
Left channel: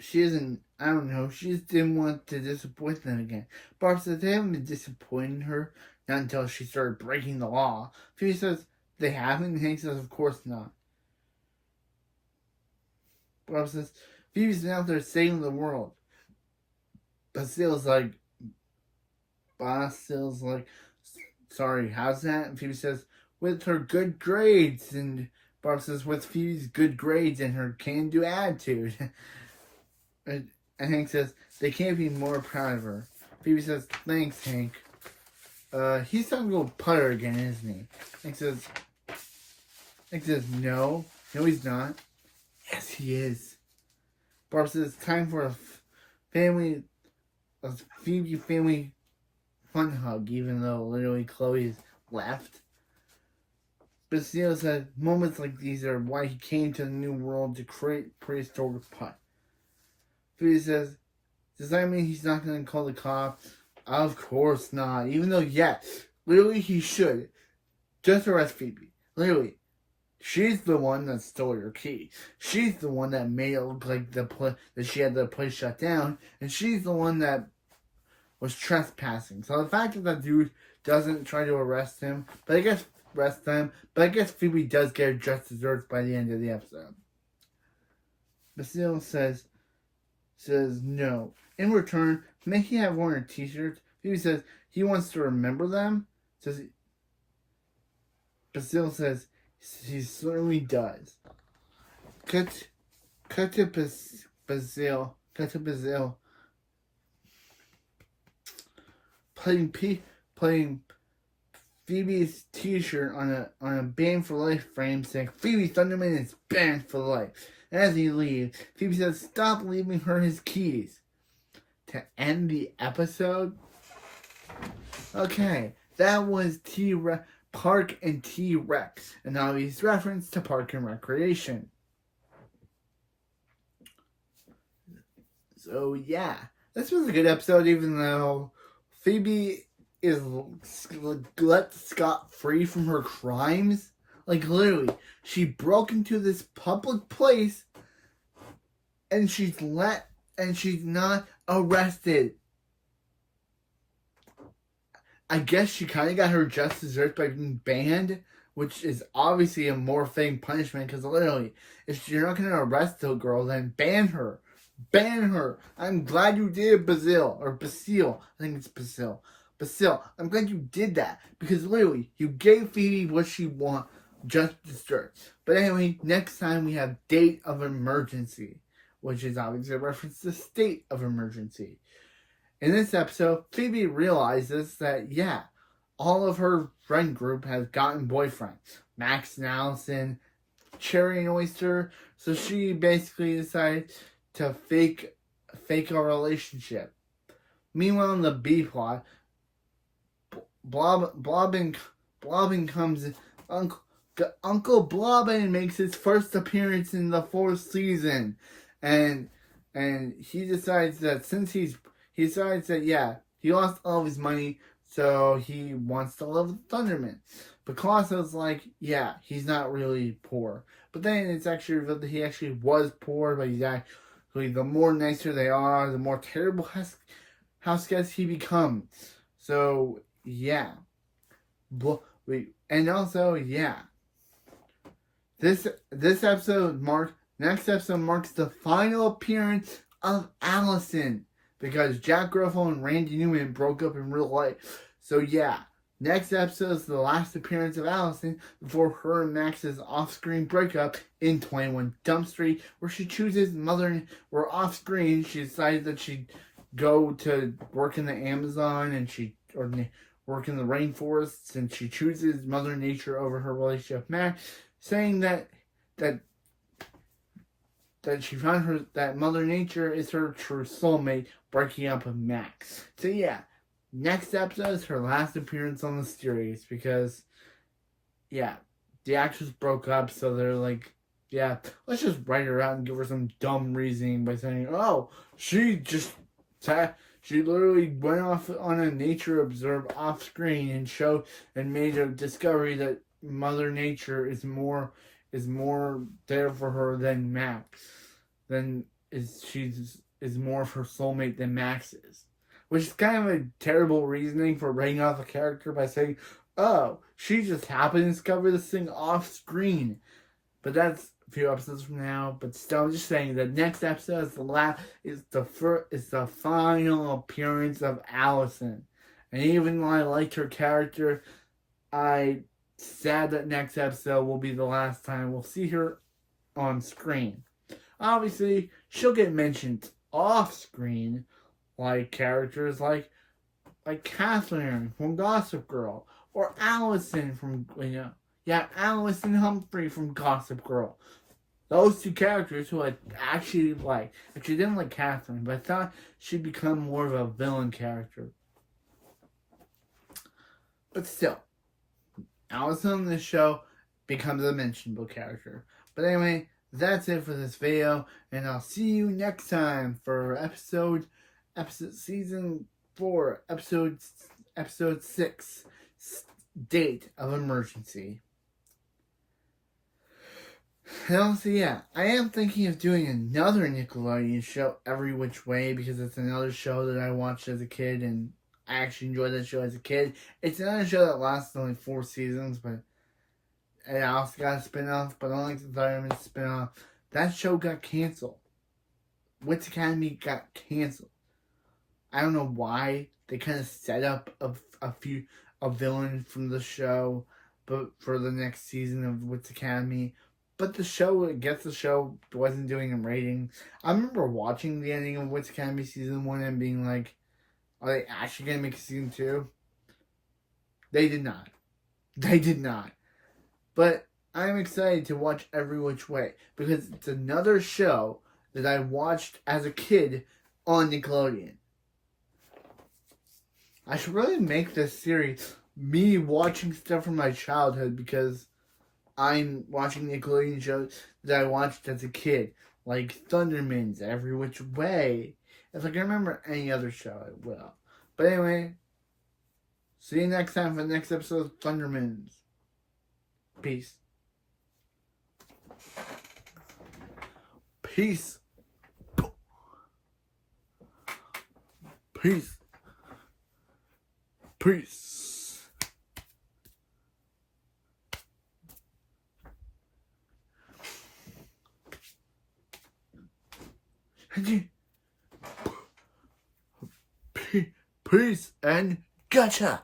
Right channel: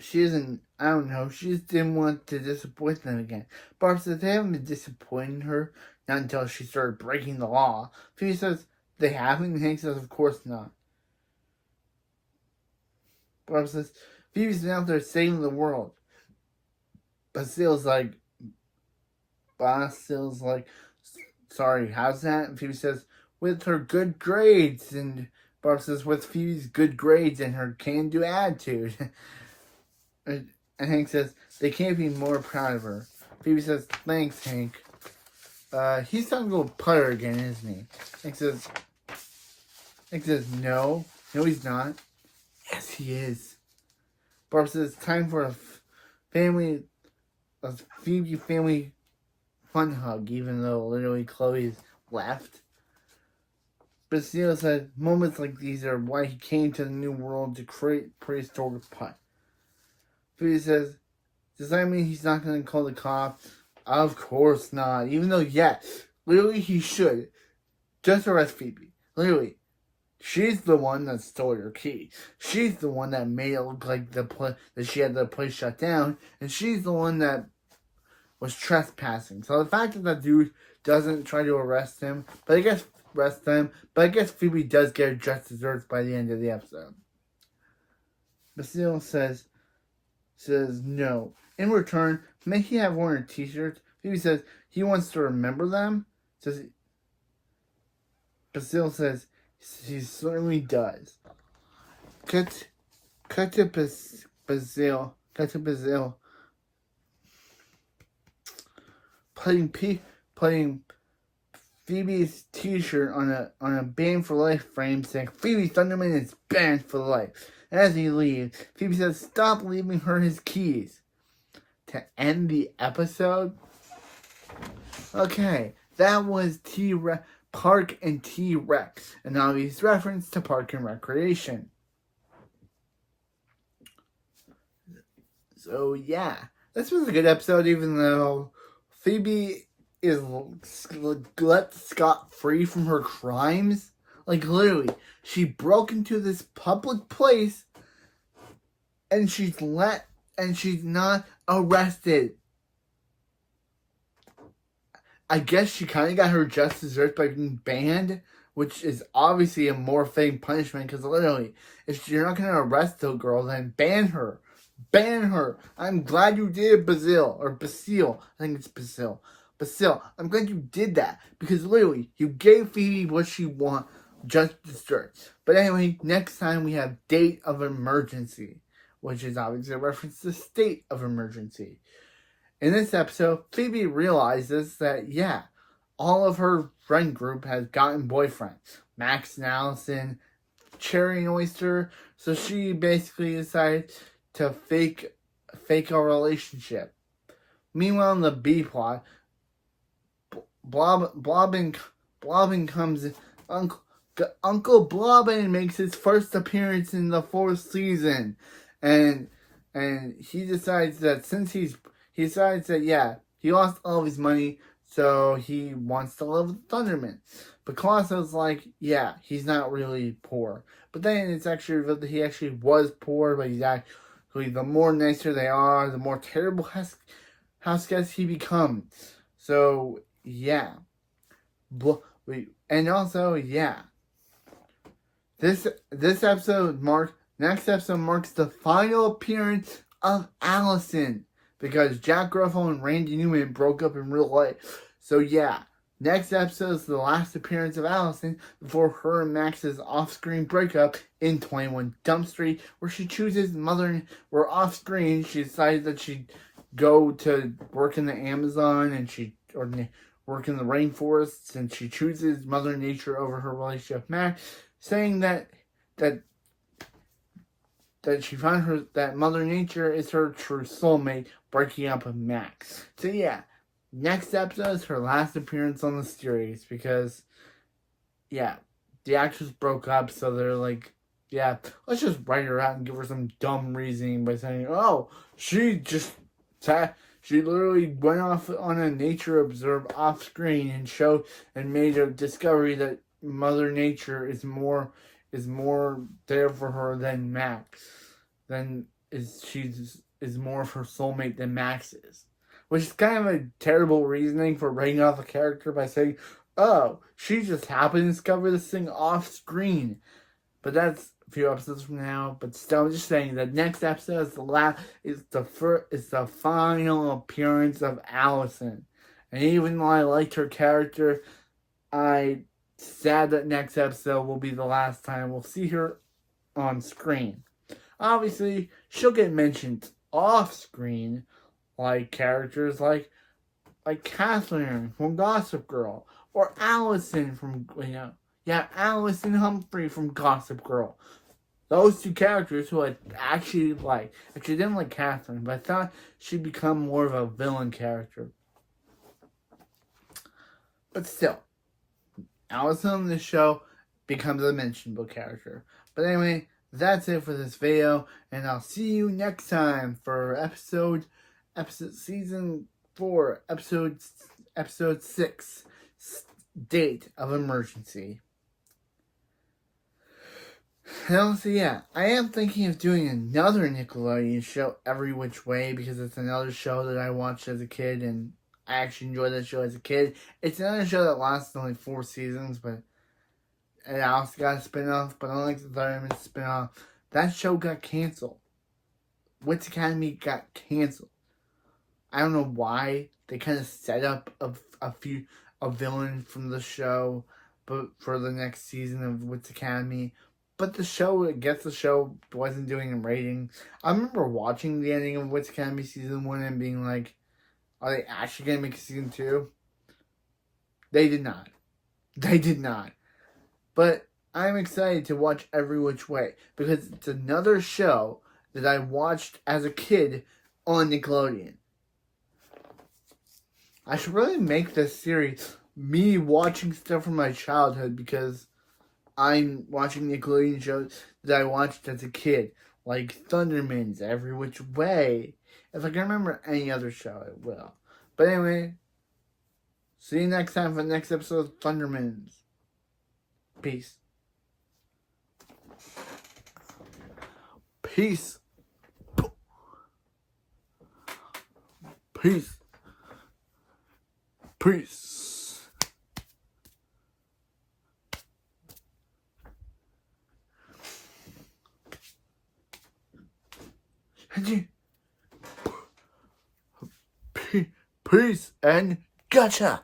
she isn't, I don't know, she just didn't want to disappoint them again. Barb says they haven't been disappointing her, not until she started breaking the law. Phoebe says they haven't, and Hank says of course not. Barb says Phoebe's been out there saving the world. Basil's like, sorry, how's that? And Phoebe says, with her good grades. And Barb says, with Phoebe's good grades and her can-do attitude. And Hank says, they can't be more proud of her. Phoebe says, thanks, Hank. He's starting to go putter again, isn't he? Hank says, no, he's not. Yes, he is. Barb says, time for a Phoebe family fun hug, even though literally Chloe's left. Basil said, moments like these are why he came to the new world to create prehistoric put. Phoebe says, does that mean he's not going to call the cops? Of course not. Even though, yes, literally he should. Just arrest Phoebe. Literally. She's the one that stole your key. She's the one that made it look like that she had the place shut down. And she's the one that was trespassing. So the fact that dude doesn't try to arrest him, but I guess Phoebe does get just desserts by the end of the episode. Basil says no. In return, may he have one of her t-shirts? Phoebe says he wants to remember them. Basil says he certainly does. Cut to Basil putting Phoebe's t-shirt on a Banned for Life frame saying Phoebe Thunderman is banned for life. And as he leaves, Phoebe says stop leaving her his keys. To end the episode, okay, that was Park and T-Rex, an obvious reference to Park and Recreation. So yeah, this was a good episode, even though Phoebe is let scot-free from her crimes. Like literally, she broke into this public place, and she's not arrested. I guess she kind of got her just desserts by being banned, which is obviously a more fitting punishment, because literally, if you're not going to arrest the girl, then ban her. Ban her. I'm glad you did it, Basil. I think it's Basil. Basil, I'm glad you did that, because literally, you gave Phoebe what she wants, just desserts. But anyway, next time we have Date of Emergency, which is obviously a reference to State of Emergency. In this episode, Phoebe realizes that, yeah, all of her friend group has gotten boyfriends. Max and Allison, Cherry and Oyster. So she basically decided to fake a relationship. Meanwhile, in the B plot, Blobbin comes in. Uncle Blobbin makes his first appearance in the 4th season. And he decides that he lost all of his money, so he wants to live with Thunderman. But Colosso's like, yeah, he's not really poor. But then it's actually revealed that he actually was poor, but he's actually, the more nicer they are, the more terrible house guest he becomes. So, yeah. And also, yeah. Next episode marks the final appearance of Allison, because Jack Gruffalo and Randy Newman broke up in real life. So yeah, next episode is the last appearance of Allison before her and Max's off-screen breakup in 21 Jump Street, where she chooses where off-screen she decided that she'd go to work in the Amazon or work in the rainforests, and she chooses Mother Nature over her relationship with Max, saying that she found that Mother Nature is her true soulmate, breaking up with Max. So yeah, next episode is her last appearance on the series because, yeah, the actress broke up, so they're like, yeah, let's just write her out and give her some dumb reasoning by saying, oh, she literally went off on a nature observe off screen and made a discovery that Mother Nature is more there for her than Max. Is more of her soulmate than Max is. Which is kind of a terrible reasoning for writing off a character by saying, oh, she just happened to discover this thing off screen. But that's a few episodes from now. But still, I'm just saying the next episode is the final appearance of Allison. And even though I liked her character, I sad that next episode will be the last time we'll see her on screen. Obviously, she'll get mentioned off screen, like characters like Catherine from Gossip Girl, or Allison from Allison Humphrey from Gossip Girl. Those two characters who I actually like. Actually, didn't like Catherine, but I thought she'd become more of a villain character. But still, Allison on this show becomes a mentionable character. But anyway, that's it for this video, and I'll see you next time for episode season 4, episode 6, Date of Emergency. And so yeah, I am thinking of doing another Nickelodeon show, Every Which Way, because it's another show that I watched as a kid, and I actually enjoyed that show as a kid. It's another show that lasted only 4 seasons, but it also got a spin-off, but unlike the Thunderman spin-off, that show got canceled. Wits Academy got canceled. I don't know why. They kind of set up a villain from the show, but for the next season of Wits Academy. But the show wasn't doing a rating. I remember watching the ending of Wits Academy season 1 and being like, are they actually going to make a season 2? They did not. But I'm excited to watch Every Which Way because it's another show that I watched as a kid on Nickelodeon. I should really make this series me watching stuff from my childhood because I'm watching Nickelodeon shows that I watched as a kid, like Thundermans, Every Which Way. If I can remember any other show, I will. But anyway, see you next time for the next episode of Thundermans. Peace. Peace. Peace. Peace. Peace and gotcha.